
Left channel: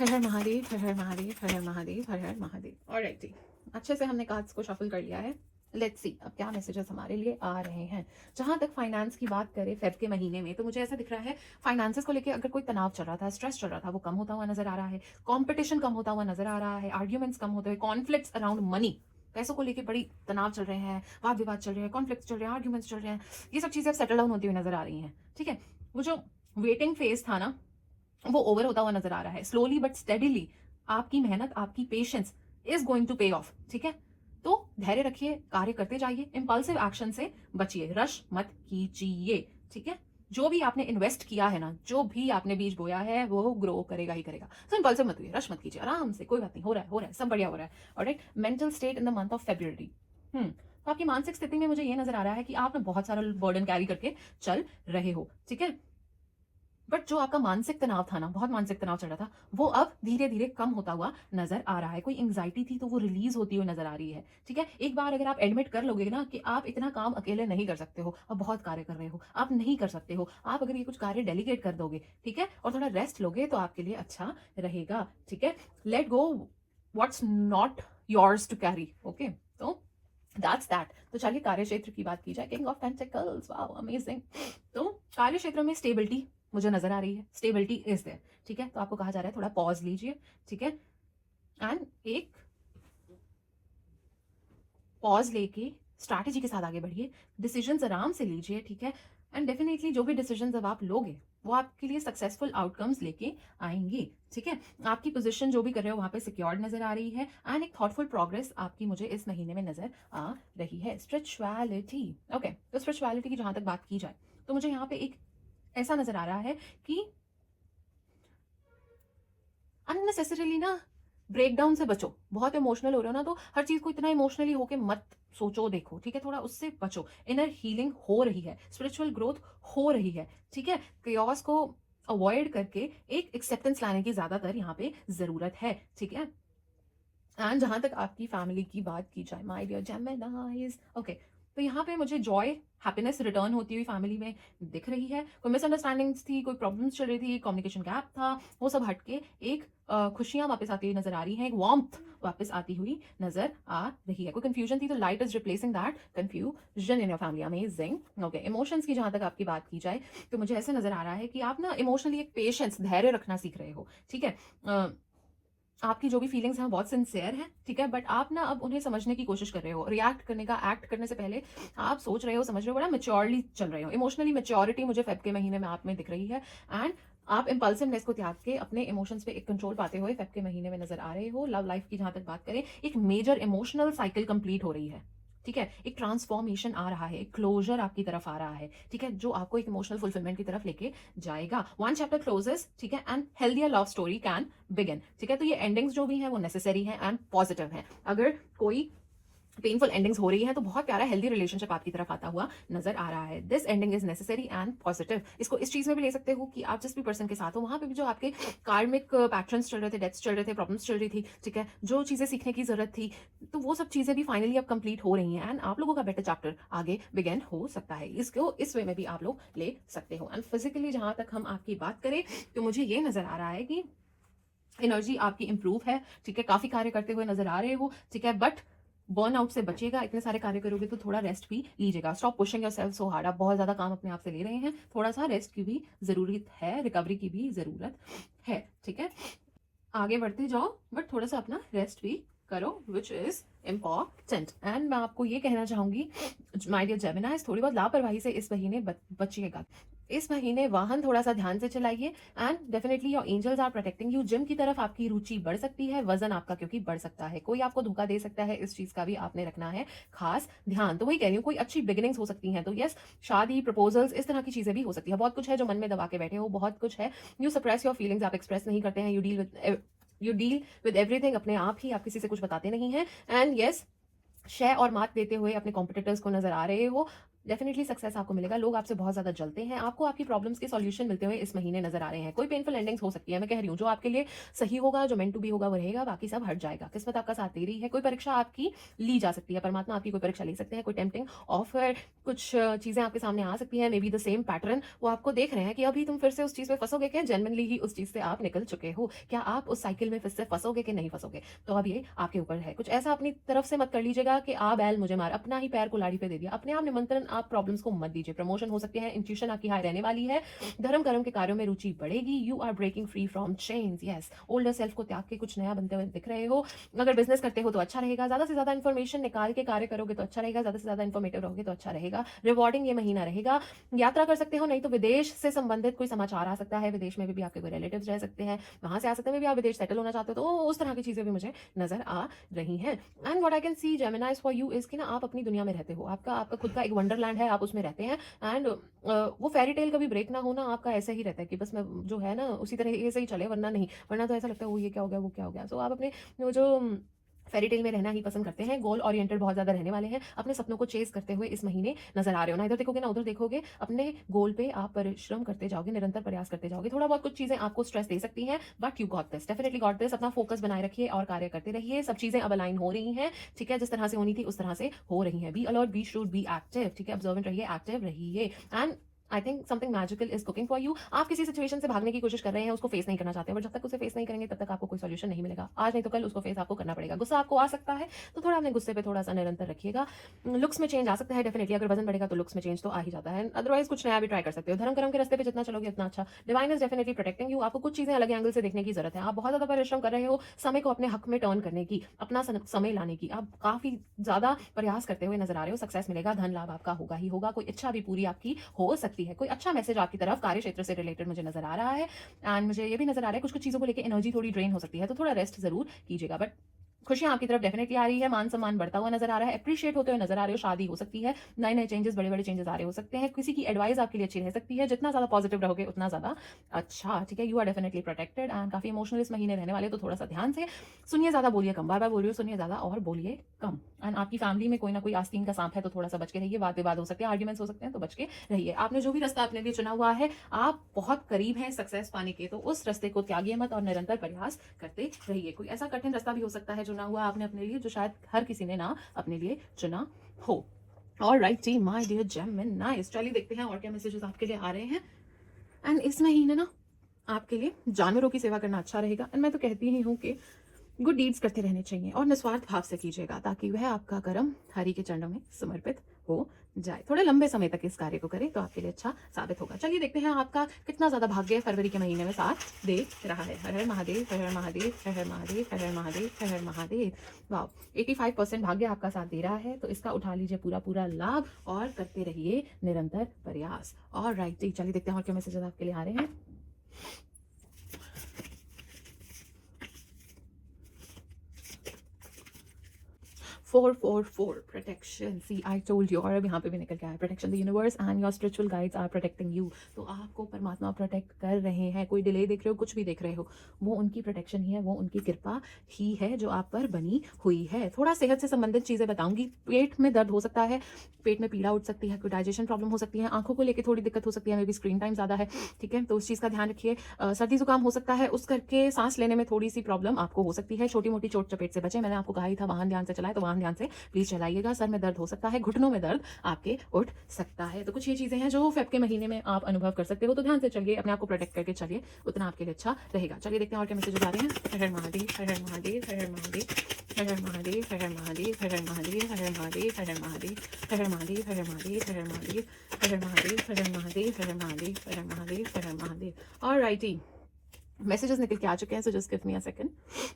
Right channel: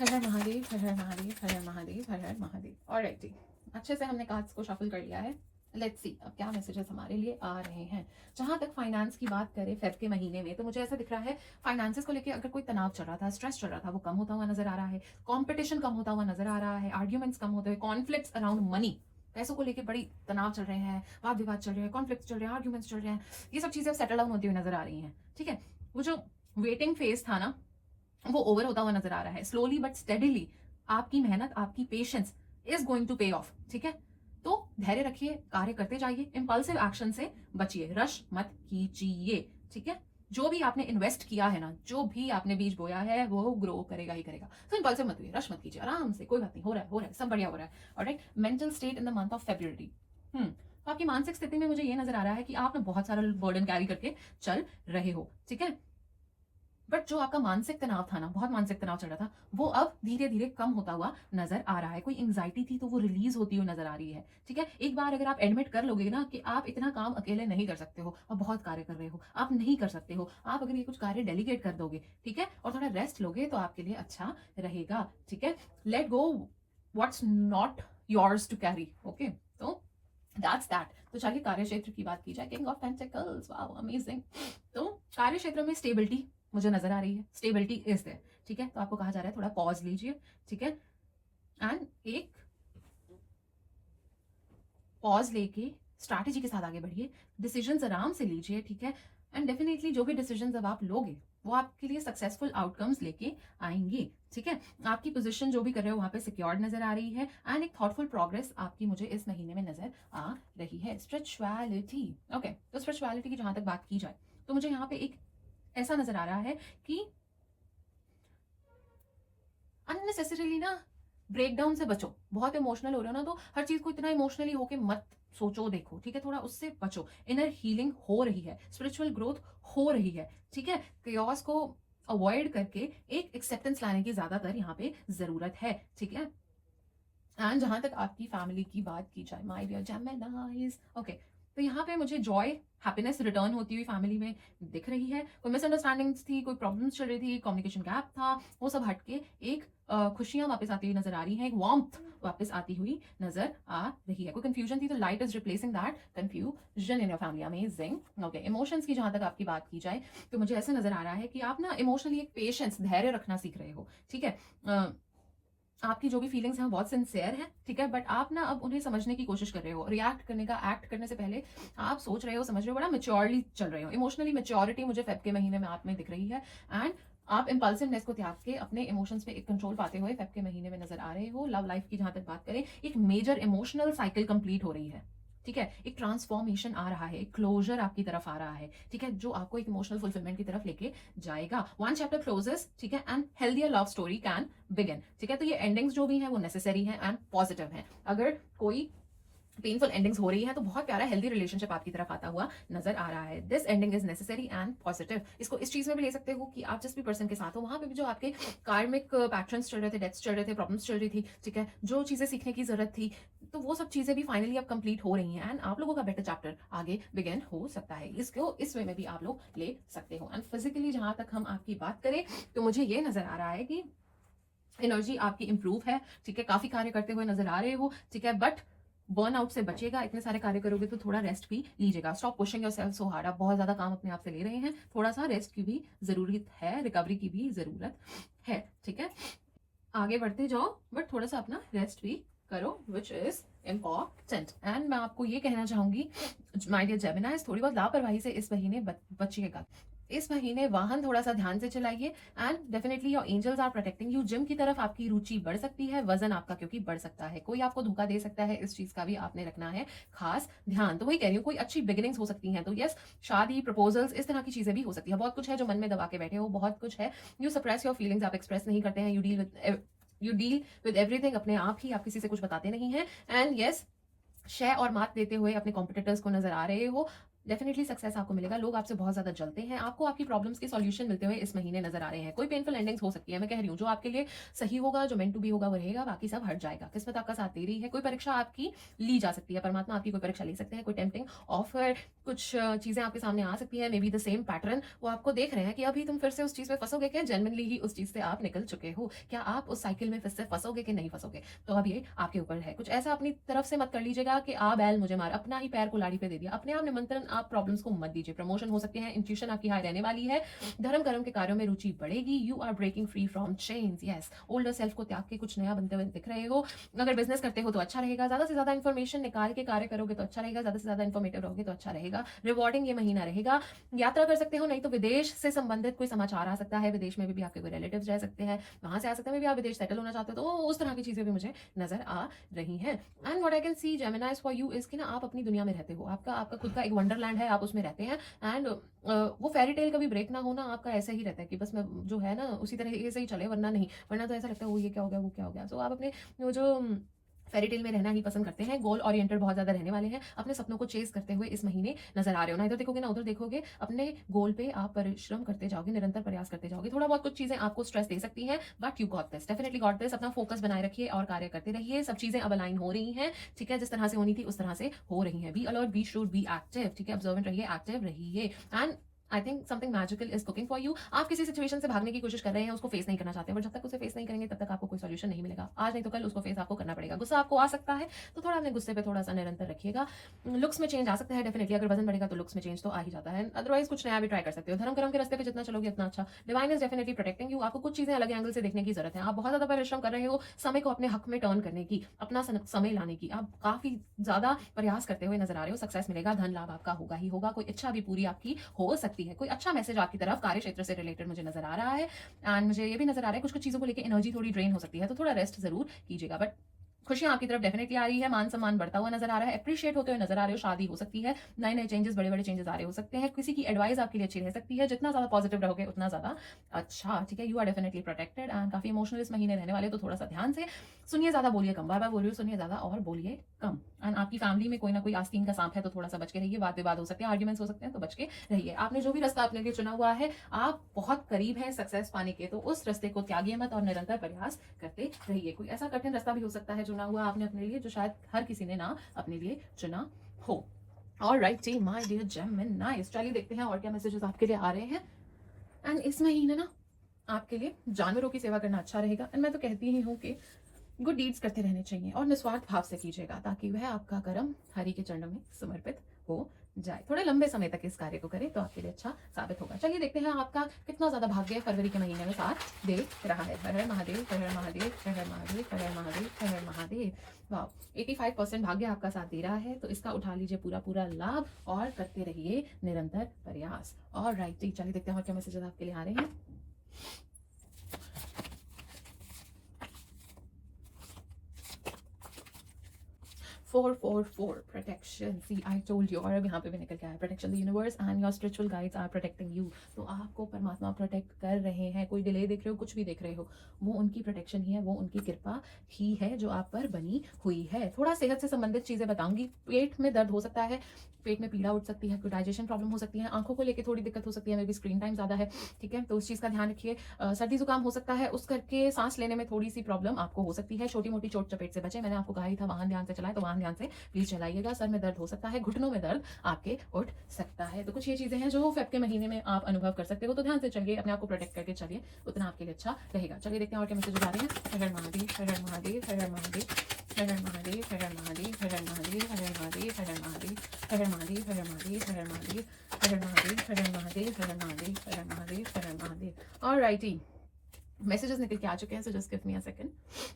हर हर महादेव, हर हर महादेव, हर हर महादेव, हर हर महादेव, हर हर महादेव। ऑलराइट जी, अच्छे से हमने कार्ड्स को शफल कर लिया है। लेट्स सी अब क्या मैसेजेस हमारे लिए आ रहे हैं। जहां तक फाइनेंस की बात करें फेब के महीने में, तो मुझे ऐसा दिख रहा है फाइनेंसेस को लेकर अगर कोई तनाव चल रहा था, स्ट्रेस चल रहा था, वो कम होता हुआ नजर आ रहा है। कॉम्पिटिशन कम होता हुआ नजर आ रहा है। आर्ग्यूमेंट्स कम होते हुए। कॉन्फ्लिक्ट्स अराउंड मनी, पैसों को लेकर बड़ी तनाव चल रहे हैं, वाद विवाद चल रहे हैं, कॉन्फ्लिक्ट चल रहे हैं, आर्ग्यूमेंट्स चल रहे हैं। ये सब चीजें सेटल डाउन होती हुई नजर आ रही हैं। ठीक है, वो जो वेटिंग फेज था ना, वो ओवर होता हुआ नजर आ रहा है। स्लोली बट स्टेडिली आपकी मेहनत, आपकी पेशेंस इज गोइंग टू पे ऑफ। ठीक है, तो धैर्य रखिए, कार्य करते जाइए, इंपल्सिव एक्शन से बचिए, रश मत कीजिए। ठीक है, जो भी आपने इन्वेस्ट किया है ना, जो भी आपने बीज बोया है वो ग्रो करेगा ही करेगा। तो इंपल्सिव मत हुई, रश मत कीजिए, आराम से, कोई बात नहीं, हो रहा है, सब बढ़िया हो रहा है। Alright, mental state in the month of February. तो आपकी मानसिक स्थिति में मुझे ये नजर आ रहा है कि आप बहुत सारा बर्डन कैरी करके चल रहे हो। ठीक है, बट जो आपका मानसिक तनाव था ना, बहुत मानसिक तनाव चल रहा था, वो अब धीरे धीरे कम होता हुआ नजर आ रहा है। कोई एंग्जाइटी थी तो वो रिलीज होती हुई नजर आ रही है। ठीक है, एक बार अगर आप एडमिट कर लोगे ना कि आप इतना काम अकेले नहीं कर सकते हो, आप बहुत कार्य कर रहे हो, आप नहीं कर सकते हो, आप अगर ये कुछ कार्य डेलीगेट कर दोगे, ठीक है, और थोड़ा रेस्ट लोगे तो आपके लिए अच्छा रहेगा। ठीक है, let go what's not yours to carry. Okay, तो दैट्स दैट। तो चलिए कार्य क्षेत्र की बात की जाए। King of pentacles, wow amazing. तो कार्य क्षेत्र में स्टेबिलिटी मुझे नजर आ रही है, स्टेबिलिटी इज देयर। ठीक है, तो आपको कहा जा रहा है थोड़ा पॉज लीजिए। ठीक है, एंड एक पॉज लेके स्ट्रैटेजी के साथ आगे बढ़िए, डिसीजंस आराम से लीजिए। ठीक है, एंड डेफिनेटली जो भी डिसीजंस अब आप लोगे वो आपके लिए सक्सेसफुल आउटकम्स लेके आएंगे। ठीक है, आपकी पोजीशन जो भी कर रहे हो वहां पे सिक्योर्ड नजर आ रही है, एंड एक थॉटफुल प्रोग्रेस आपकी मुझे इस महीने में नजर आ रही है। स्पिरिचुअलिटी, ओके, तो स्पिरिचुअलिटी की जहां तक बात की जाए तो मुझे यहाँ पे एक ऐसा नजर आ रहा है कि अननेसेसरीली ना ब्रेकडाउन से बचो। बहुत इमोशनल हो रहे हो ना, तो हर चीज को इतना इमोशनली होके मत सोचो, देखो। ठीक है, थोड़ा उससे बचो। इनर हीलिंग हो रही है, स्पिरिचुअल ग्रोथ हो रही है। ठीक है, chaos को अवॉइड करके एक एक्सेप्टेंस लाने की ज्यादातर यहाँ पे जरूरत है। ठीक है, एंड जहां तक आपकी फैमिली की बात की जाए माय डियर जेमिनाइज, ओके, तो यहाँ पे मुझे जॉय, हैप्पीनेस रिटर्न होती हुई फैमिली में दिख रही है। कोई मिसअंडरस्टैंडिंग्स थी, कोई प्रॉब्लम्स चल रही थी, कम्युनिकेशन गैप था, वो सब हटके एक खुशियां वापस आती हुई नजर आ रही हैं, एक वार्मथ वापस आती हुई नजर आ रही है। कोई कंफ्यूजन थी तो light is replacing that confusion in your family. Amazing. Okay, emotions की जहां तक आपकी बात की जाए तो मुझे ऐसा नजर आ रहा है कि आप ना इमोशनली एक पेशेंस, धैर्य रखना सीख रहे हो। ठीक है, आपकी जो भी फीलिंग्स हैं बहुत सिंसियर हैं। ठीक है, बट आप ना अब उन्हें समझने की कोशिश कर रहे हो। रिएक्ट करने का, एक्ट करने से पहले आप सोच रहे हो, समझ रहे हो, बड़ा मेच्योरली चल रहे हो। इमोशनली मेच्योरिटी मुझे फेब के महीने में आप में दिख रही है, एंड आप इंपल्सिवनेस को त्याग के अपने इमोशंस पे एक कंट्रोल पाते हुए फेब के महीने में नजर आ रहे हो। लव लाइफ की जहां तक बात करें, एक मेजर इमोशनल साइकिल कंप्लीट हो रही है। ठीक है, एक ट्रांसफॉर्मेशन आ रहा है, एक क्लोजर आपकी तरफ आ रहा है। ठीक है, जो आपको एक इमोशनल फुलफिलमेंट की तरफ लेके जाएगा। वन चैप्टर क्लोजेस, ठीक है, and healthier love story can begin. ठीक है, तो ये एंडिंग्स जो भी हैं वो नेसेसरी हैं एंड पॉजिटिव हैं। अगर कोई पेनफुल एंडिंग्स हो रही है तो बहुत प्यारा हेल्दी रिलेशनशिप आपकी तरफ आता हुआ नजर आ रहा है। This ending is necessary and positive. इसको इस चीज में भी ले सकते हो कि आप जिस भी पर्सन के साथ हो वहां पे भी जो आपके कार्मिक पैटर्न्स चल रहे थे, डेथ्स चल रहे थे, प्रॉब्लम्स चल रही थी, ठीक है, जो चीजें सीखने की जरूरत थी, तो वो सब चीजें भी फाइनली अब कंप्लीट हो रही हैं, एंड आप लोगों का बेटर चैप्टर आगे बिगेन हो सकता है। इसको इस वे में भी आप लोग ले सकते हो। एंड फिजिकली जहां तक हम आपकी बात करें तो मुझे ये नजर आ रहा है कि एनर्जी आपकी इंप्रूव है। ठीक है, काफी कार्य करते हुए नजर आ रहे हो। ठीक है, बट बर्नआउट से बचेगा। इतने सारे कार्य करोगे तो थोड़ा रेस्ट भी लीजिएगा। Stop pushing yourself so hard. आप बहुत ज्यादा काम अपने आप से ले रहे हैं, थोड़ा सा रेस्ट की भी जरूरत है, रिकवरी की भी जरूरत है। ठीक है, आगे बढ़ते जाओ बट थोड़ा सा अपना रेस्ट भी करो, विच इज इम्पॉर्टेंट। एंड मैं आपको ये कहना चाहूंगी माय डियर जेमिनाइज, थोड़ी बहुत लापरवाही से इस महीने बचिएगा। इस महीने वाहन थोड़ा-सा ध्यान से चलाइए and definitely your angels are protecting you. Gym की तरफ आपकी रुचि बढ़ सकती है, वज़न आपका क्योंकि बढ़ सकता है। कोई आपको धोखा दे सकता है, इस चीज़ का भी आपने रखना है खास ध्यान। तो वही कह रही हूँ, कोई अच्छी बिगिनिंग्स हो सकती हैं। तो येस, शादी, प्रपोज़ल्स इस तरह की चीज़ें भी हो सकती हैं। बहुत कुछ है जो मन में दबा के बैठे हो, बहुत कुछ है। यू सप्रेस योर फीलिंग्स, आप एक्सप्रेस नहीं करते हैं। यू डील विद एवरीथिंग अपने आप ही, आप किसी से कुछ बताते नहीं हैं। एंड येस, शय और मात देते हुए अपने कॉम्पिटिटर्स को नजर आ रहे हो। डेफिनेटली सक्सेस आपको मिलेगा। लोग आपसे बहुत ज़्यादा जलते हैं। आपको आपकी प्रॉब्लम्स के सॉल्यूशन मिलते हुए इस महीने नजर आ रहे हैं। कोई पेनफुल एंडिंग्स हो सकती है, मैं कह रही हूँ। जो आपके लिए सही होगा, जो मेंट टू बी होगा वो रहेगा, बाकी सब हट जाएगा। किस्मत आपका साथ दे रही है। कोई परीक्षा आपकी ली जा सकती है, परमात्मा आपकी कोई परीक्षा ले सकते हैं। कोई टेम्पटिंग ऑफर, कुछ चीज़ें आपके सामने आ सकती हैं। May be the same pattern वो आपको देख रहे हैं कि अभी तुम फिर से उस चीज़ में फंसोगे क्या, जेनवनली ही उस चीज़ से आप निकल चुके हो क्या, आप उस साइकिल में फिर से फंसोगे कि नहीं फंसोगे। तो अब ये आपके ऊपर है। कुछ ऐसा अपनी तरफ से मत कर लीजिएगा कि आ बैल मुझे मार, अपना ही पैर कुल्हाड़ी पे दे दिया। अपने आप निमंत्रण आप प्रॉब्लम्स को मत दीजिए। प्रमोशन हो सकते हैं, इंट्यूशन आपकी हाई रहने वाली है। धर्म कर्म के कार्यों में रुचि बढ़ेगी। You are breaking free from chains. Yes, older self को त्याग के कुछ नया बनते हुए दिख रहे हो। अगर बिजनेस करते हो तो अच्छा रहेगा। ज्यादा से ज्यादा इन्फॉर्मेशन निकाल के कार्य करोगे तो अच्छा रहेगा। ज्यादा से ज्यादा इन्फॉर्मेटिव रहोगे तो अच्छा रहेगा। रिवॉर्डिंग ये महीना रहेगा। यात्रा कर सकते हो, नहीं तो विदेश से संबंधित कोई समाचार आ सकता है। विदेश में भी आपके कोई रिलेटिव्स रह सकते हैं, वहां से आ सकते हैं। भी आप विदेश सेटल होना चाहते हो तो उस तरह की चीजें भी मुझे नजर आ रही हैं। And what I can C जेमिनाइज for you is कि ना आप अपनी दुनिया में रहते हो। आपका आपका खुद का एक वंडरलैंड है, आप उसमें रहते हैं। एंड वो फेरी टेल कभी ब्रेक ना होना आपका ऐसा ही रहता है कि बस मैं जो है ना उसी तरह से ही चले, वरना नहीं। वरना तो ऐसा लगता है वो ये क्या हो गया, वो क्या हो गया। तो आप अपने वो जो फेरी टेल में रहना ही पसंद करते हैं। गोल ओरिएंटेड बहुत ज़्यादा रहने वाले हैं। अपने सपनों को चेस करते हुए इस महीने नजर आ रहे हो। ना इधर देखोगे ना उधर देखोगे, अपने गोल पे आप परिश्रम करते जाओगे, निरंतर प्रयास करते जाओगे। थोड़ा बहुत कुछ चीज़ें आपको स्ट्रेस दे सकती हैं, but you got this, definitely got this. अपना फोकस बनाए रखिए और कार्य करते रहिए। सब चीज़ें अब अलाइन हो रही हैं, ठीक है। जिस तरह से होनी थी उस तरह से हो रही है। Be alert, be shrewd, be active, ठीक है। ऑब्जर्वेंट रहिए, एक्टिव रहिए। And I think something magical is cooking for you. आप किसी सिचुएशन से भागने की कोशिश कर रहे हैं, उसको फेस नहीं करना चाहते, बट जब तक उसे फेस नहीं करेंगे तब तक आपको कोई सॉल्यूशन नहीं मिलेगा। आज नहीं तो कल उसको फेस आपको करना पड़ेगा। गुस्सा आपको आ सकता है, तो थोड़ा अपने गुस्से पे थोड़ा सा निरंतर रखिएगा। लुक्स में चेंज आ सकता है, डेफिनेटली। अगर वजन बढ़ेगा तो लुक्स में चेंज तो आ ही जाता है। अदरवाइज कुछ नया भी ट्राई कर सकते हो। धर्म कर्म के रास्ते पे जितना चलोगे उतना अच्छा। Divine is definitely protecting you. आपको कुछ चीजें अलग एंगल से देखने की जरूरत है। आप बहुत ज्यादा परिश्रम कर रहे हो समय को अपने हक में टर्न करने की, अपना समय लाने की। आप काफी ज्यादा प्रयास करते हुए नजर आ रहे हो। सक्सेस मिलेगा, धन लाभ आपका होगा ही होगा। कोई इच्छा भी पूरी आपकी हो सकती है। कोई अच्छा मैसेज आपकी तरफ कार्य क्षेत्र से रिलेटेड मुझे नजर आ रहा है। एंड मुझे ये भी नजर आ रहा है कुछ कुछ चीजों को लेकर एनर्जी थोड़ी ड्रेन हो सकती है, तो थोड़ा रेस्ट जरूर कीजिएगा। बट खुशियां आपकी तरफ डेफिनेटली आ रही है। मान सम्मान बढ़ता हुआ नजर आ रहा है। अप्रिशिएट होते हुए नजर आ रहे हो। शादी हो सकती है, नए नए चेंजेस, बड़े बड़े चेंजेस आ रहे हो सकते हैं। किसी की एडवाइस आपके लिए अच्छी रह सकती है। जितना ज्यादा पॉजिटिव रहोगे उतना ज्यादा अच्छा, ठीक है। You are definitely protected and काफी इमोशनल इस महीने रहने वाले, तो थोड़ा सा ध्यान से सुनिए, ज्यादा बोलिए कम। बार बार बोल रही हूँ, सुनिए ज्यादा और बोलिए कम। एंड आपकी फैमिली में कोई ना कोई आस्तीन का सांप है, तो थोड़ा सा बच के रहिए। वाद विवाद हो सकते हैं, आर्ग्यूमेंट्स हो सकते हैं, तो बच के रहिए। आपने जो भी रास्ता अपने लिए चुना हुआ है, आप बहुत करीब हैं सक्सेस पाने के, तो उस रास्ते को त्यागिए मत और निरंतर प्रयास करते रहिए। कोई ऐसा कठिन रास्ता भी हो सकता है चुना हुआ आपने अपने लिए, जो शायद हर किसी ने ना अपने लिए चुना हो। ऑलराइट टी माय डियर जेमिनाइज, चलिए देखते हैं और क्या मैसेजेस आपके लिए आ रहे हैं। एंड इस महीने ना आपके लिए जानवरों की सेवा करना अच्छा रहेगा। एंड मैं तो कहती ही हूँ कि गुड डीड्स करते रहने चाहिए और निस्वार्थ भाव से कीजिएगा, ताकि वह आपका कर्म हरि के चरणों में समर्पित हो जाए। थोड़े लंबे समय तक इस कार्य को करें तो आपके लिए अच्छा साबित होगा। चलिए देखते हैं आपका कितना ज्यादा भाग्य फरवरी के महीने में साथ दे रहा है। हर हर महादेव, हर हर महादेव, हर हर महादेव, हर हर महादेव, हर हर महादेव। वाह, 85% भाग्य आपका साथ दे रहा है, तो इसका उठा लीजिए पूरा पूरा लाभ और करते रहिए निरंतर प्रयास। और राइट, चलिए देखते हैं और क्या मैसेजेस आपके लिए आ रहे हैं। 444 protection, see I told you. और अब यहाँ पे भी निकल के आया protection, the universe and your spiritual guides are protecting you. तो आपको परमात्मा प्रोटेक्ट कर रहे हैं। कोई डिले देख रहे हो, कुछ भी देख रहे हो, वो उनकी प्रोटेक्शन ही है, वो उनकी कृपा ही है जो आप पर बनी हुई है। थोड़ा सेहत से संबंधित चीजें बताऊंगी। पेट में दर्द हो सकता है, पेट में पीड़ा उठ सकती है, कोई डाइजेशन प्रॉब्लम हो सकती है, आंखों को लेकर थोड़ी दिक्कत हो सकती है, मे बी स्क्रीन टाइम ज्यादा है, ठीक है, तो उस चीज का ध्यान रखिए। सर्दी जुकाम हो सकता है, उस करके सांस लेने में थोड़ी सी प्रॉब्लम आपको हो सकती है। छोटी मोटी चोट चपेट से बचे। मैंने आपको कहा ही था वाहन ध्यान से चलाए, तो वाहन ध्यान से प्लीज चलाइएगा। सर में दर्द हो सकता है, घुटनों में दर्द आपके उठ सकता है। तो कुछ ये चीजें हैं जो फेब के महीने में आप अनुभव कर सकते हो, तो ध्यान से चलिए, अपने आप को प्रोटेक्ट करके चलिए, उतना आपके लिए अच्छा रहेगा। चलिए देखते हैं और क्या मैसेजेस आ रहे हैं। हर हर महादेव, हर हर महादेव, हर हर महादेव, हर हर महादेव, हर हर महादेव, हर हर महादेव, हर हर महादेव, हर हर महादेव, हर हर महादेव, हर हर महादेव, हर हर महादेव, हर हर महादेव, हर हर महादेव, हर हर महादेव, हर हर महादेव, हर हर महादेव। ऑलराइटी, मैसेजेस निकल के आ चुके हैं, so just give me a second.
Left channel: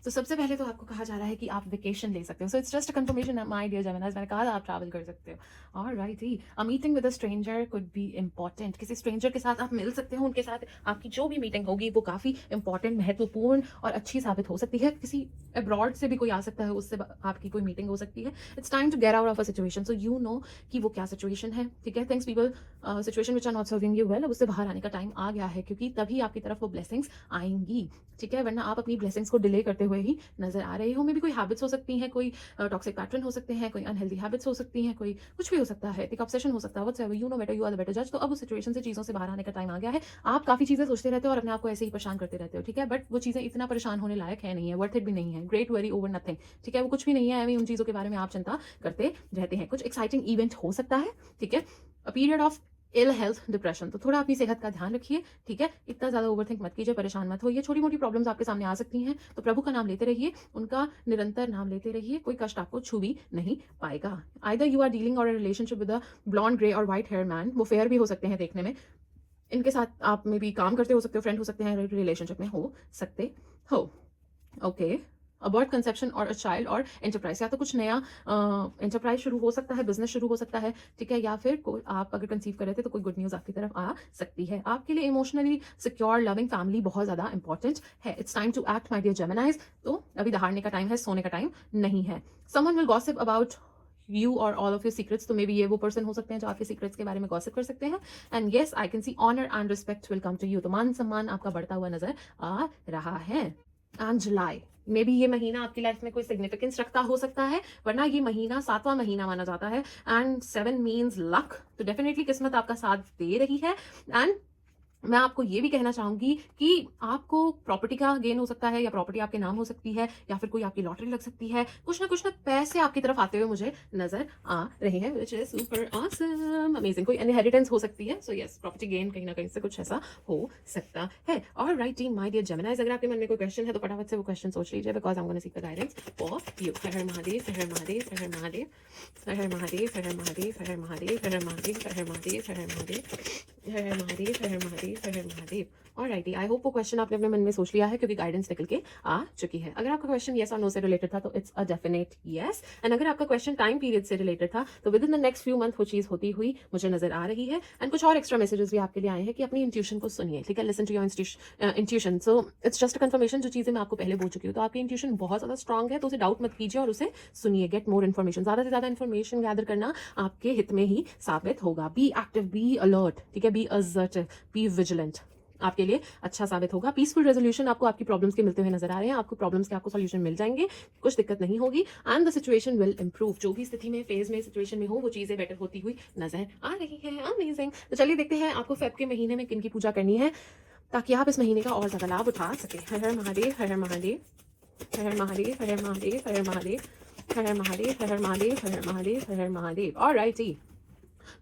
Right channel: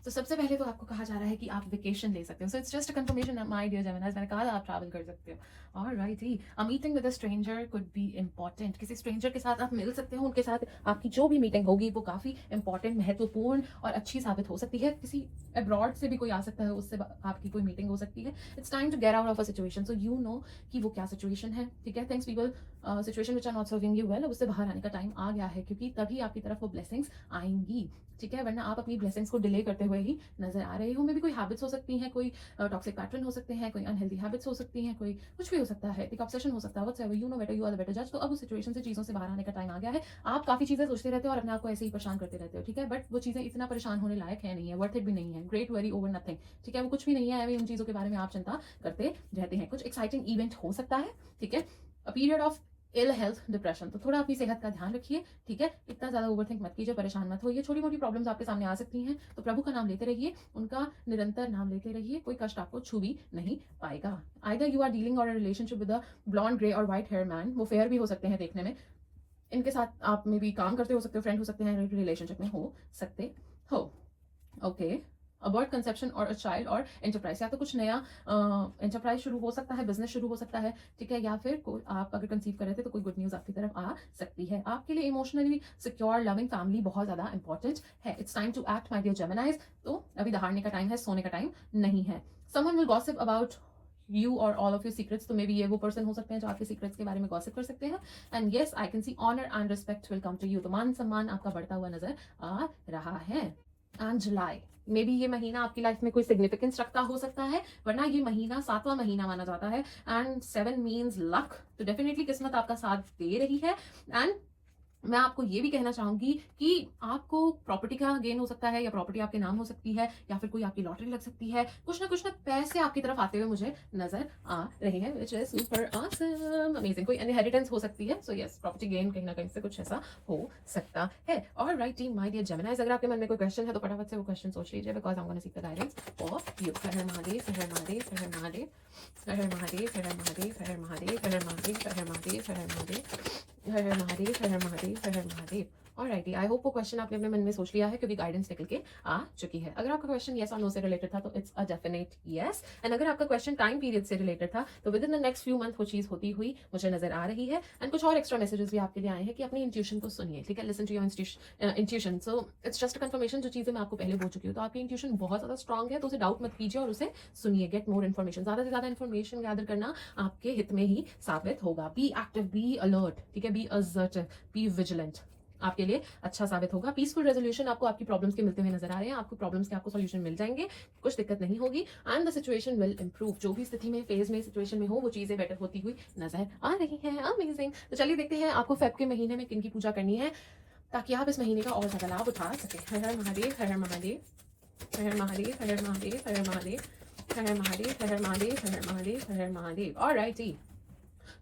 तो सबसे पहले तो आपको कहा जा रहा है कि आप वेकेशन ले सकते हो, so it's just a confirmation my dear Geminis, मैंने कहा आप ट्रैवल कर सकते हो। Alright, a meeting with a stranger could be important, किसी स्ट्रेंजर के साथ आप मिल सकते हो, उनके साथ आपकी जो भी मीटिंग होगी वो काफ़ी इंपॉर्टेंट, महत्वपूर्ण और अच्छी साबित हो सकती है। किसी अब्रॉड से भी कोई आ सकता है, उससे आपकी कोई मीटिंग हो सकती है। It's time to get out of a situation, so you know कि वो क्या सिचुएशन है, ठीक है। Things people situation which are not serving you well, उससे बाहर आने का टाइम आ गया है, क्योंकि तभी आपकी तरफ वो ब्लेसिंग्स आएंगी, ठीक है। वरना आप अपनी ब्लेसिंग्स को डिले करते हुए ही नजर आ रहे हो। मे भी कोई हैबिट्स हो सकती हैं, कोई टॉक्सिक पैटर्न हो सकते हैं, कोई अनहेल्दी हैबिट्स हो सकती हैं, कोई कुछ भी हो सकता है, एक ऑब्सेशन हो सकता है, whatsoever, you know better, you are the better जज। तो अब उस सिचुएशन से, चीज़ों से बाहर आने का टाइम आ गया है। आप काफ़ी चीज़ें सोचते रहते हो और अपने आप को ऐसे ही परेशान करते रहते हो, ठीक है। बट वो चीज़ें इतना परेशान होने लायक है नहीं है, वर्थ इट भी नहीं है। ग्रेट वरी ओवर नथिंग, ठीक है। वो कुछ भी नहीं है, अभी उन चीज़ों के बारे में आप चिंता करते रहते हैं। कुछ एक्साइटिंग इवेंट हो सकता है, ठीक है। A period of ill health, depression, तो थोड़ा अपनी सेहत का ध्यान रखिए, ठीक है। इतना ज़्यादा ओवरथिंक मत कीजिए, परेशान मत होइए। छोटी मोटी प्रॉब्लम्स आपके सामने आ सकती हैं, तो प्रभु का नाम लेते रहिए, उनका निरंतर नाम लेते रहिए, कोई कष्ट आपको छू भी नहीं पाएगा। आइदर यू आर डीलिंग और relationship with a blonde grey और वाइट हेयर मैन, वो फेयर भी हो सकते हैं देखने में, इनके साथ आप में भी काम करते हो सकते हो, फ्रेंड हो सकते हैं, रिलेशनशिप में हो सकते हो, ओके। अबॉर्ट कंसेप्शन और अ चाइल्ड और एंटरप्राइज, या तो कुछ नया एंटरप्राइज शुरू हो सकता है, बिजनेस शुरू हो सकता है, ठीक है। या फिर कोई, आप अगर कंसीव कर रहे थे तो कोई गुड न्यूज़ आपकी तरफ आ सकती है। आपके लिए इमोशनली सिक्योर लविंग फैमिली बहुत ज़्यादा इंपॉर्टेंट है। It's time to act my dear Geminis, तो अभी दहाड़ने का टाइम है, सोने का टाइम नहीं है। Someone will gossip about you और ऑल ऑफ योर सीक्रेट्स, तो मे बी ये वो पर्सन हो सकते हैं जो आपके सीक्रेट्स के बारे में गॉसिप कर सकते हैं। And yes, I can see honour and respect will come to you, तो मान सम्मान आपका बढ़ता हुआ नजर आ रहा है। एंड जुलाई, मे बी ये महीना आपकी लाइफ में कोई सिग्निफिकेंस रखता हो सकता है, वरना ये महीना 7वां महीना माना जाता है। एंड 7 मीन्स लक, तो डेफिनेटली किस्मत आपका साथ दे रही है। एंड मैं आपको ये भी कहना चाहूंगी कि आपको प्रॉपर्टी का गेन हो सकता है, या प्रॉपर्टी आपके नाम हो सकती है, या फिर कोई आपकी लॉटरी लग सकती है। कुछ ना पैसे आपकी तरफ आते हुए मुझे नजर आ रहे हैं, which is super awesome, amazing. कोई इनहेरिटेंस हो सकती है, सो यस, प्रॉपर्टी गेन कहीं ना कहीं से कुछ ऐसा हो सकता है। और right team, my dear Geminis, अगर आपके मन में कोई क्वेश्चन है तो फटाफट से वो क्वेश्चन सोच लीजिए, because I am gonna seek the guidance for you. Har Har Mahadev, Har Har Mahadev, Har Har Mahadev, Har Har Mahadev, Har Har Mahadev, Har Har Mahadev, Har Har Mahadev, Har Har Mahadev, Har Har Mahadev, Har Har Mahadev, Har Har Mahadev, Har Har Mahadev. Alrighty, I hope वो क्वेश्चन आपने अपने मन में सोच लिया है, क्योंकि गाइडेंस निकल के आ चुकी है। अगर आपका क्वेश्चन येस और नो से रिलेटेड था तो it's a definite yes, and अगर आपका क्वेश्चन टाइम पीरियड से रिलेटेड था तो with in the next few month वो चीज़ होती हुई मुझे नजर आ रही है। एंड कुछ और एक्स्ट्रा मैसेजेस भी आपके लिए आए हैं कि अपनी इंट्यूशन को सुनिए, ठीक है। Listen to your intuition, so it's just a confirmation, जो चीज़ें मैं आपको पहले बोल चुकी हूँ। तो आपकी इंट्यूशन बहुत ज़्यादा स्ट्रॉग है, तो उसे डाउट मत कीजिए और उसे सुनिए। गेट मोर इन्फॉर्मेशन, ज़्यादा से ज़्यादा इन्फॉर्मेशन गैदर करना आपके हित में ही साबित होगा। बी एक्टिव, बी अलर्ट, ठीक है, बी असर्टिव, बी विजिलेंट, आपके लिए अच्छा साबित होगा। पीसफुल रेजोल्यूशन आपको आपकी प्रॉब्लम्स के मिलते हुए नजर आ रहे हैं, आपको प्रॉब्लम्स के आपको सॉल्यूशन मिल जाएंगे, कुछ दिक्कत नहीं होगी। And the situation will improve, जो भी स्थिति में, फेज में, सिचुएशन में हो, वो चीजें बेटर होती हुई नजर आ रही हैं। अमेजिंग। तो चलिए देखते हैं आपको फेब के महीने में किन की पूजा करनी है, ताकि आप इस महीने का और ज्यादा लाभ उठा सके। हर हर महादेव, हर हर महादेव, हर हर महादेव, हर हर महादेव, हर हर महादेव, हर हर महादेव, हर हर महादेव, हर हर महादेव, हर हर महादेव। ऑलराइटी,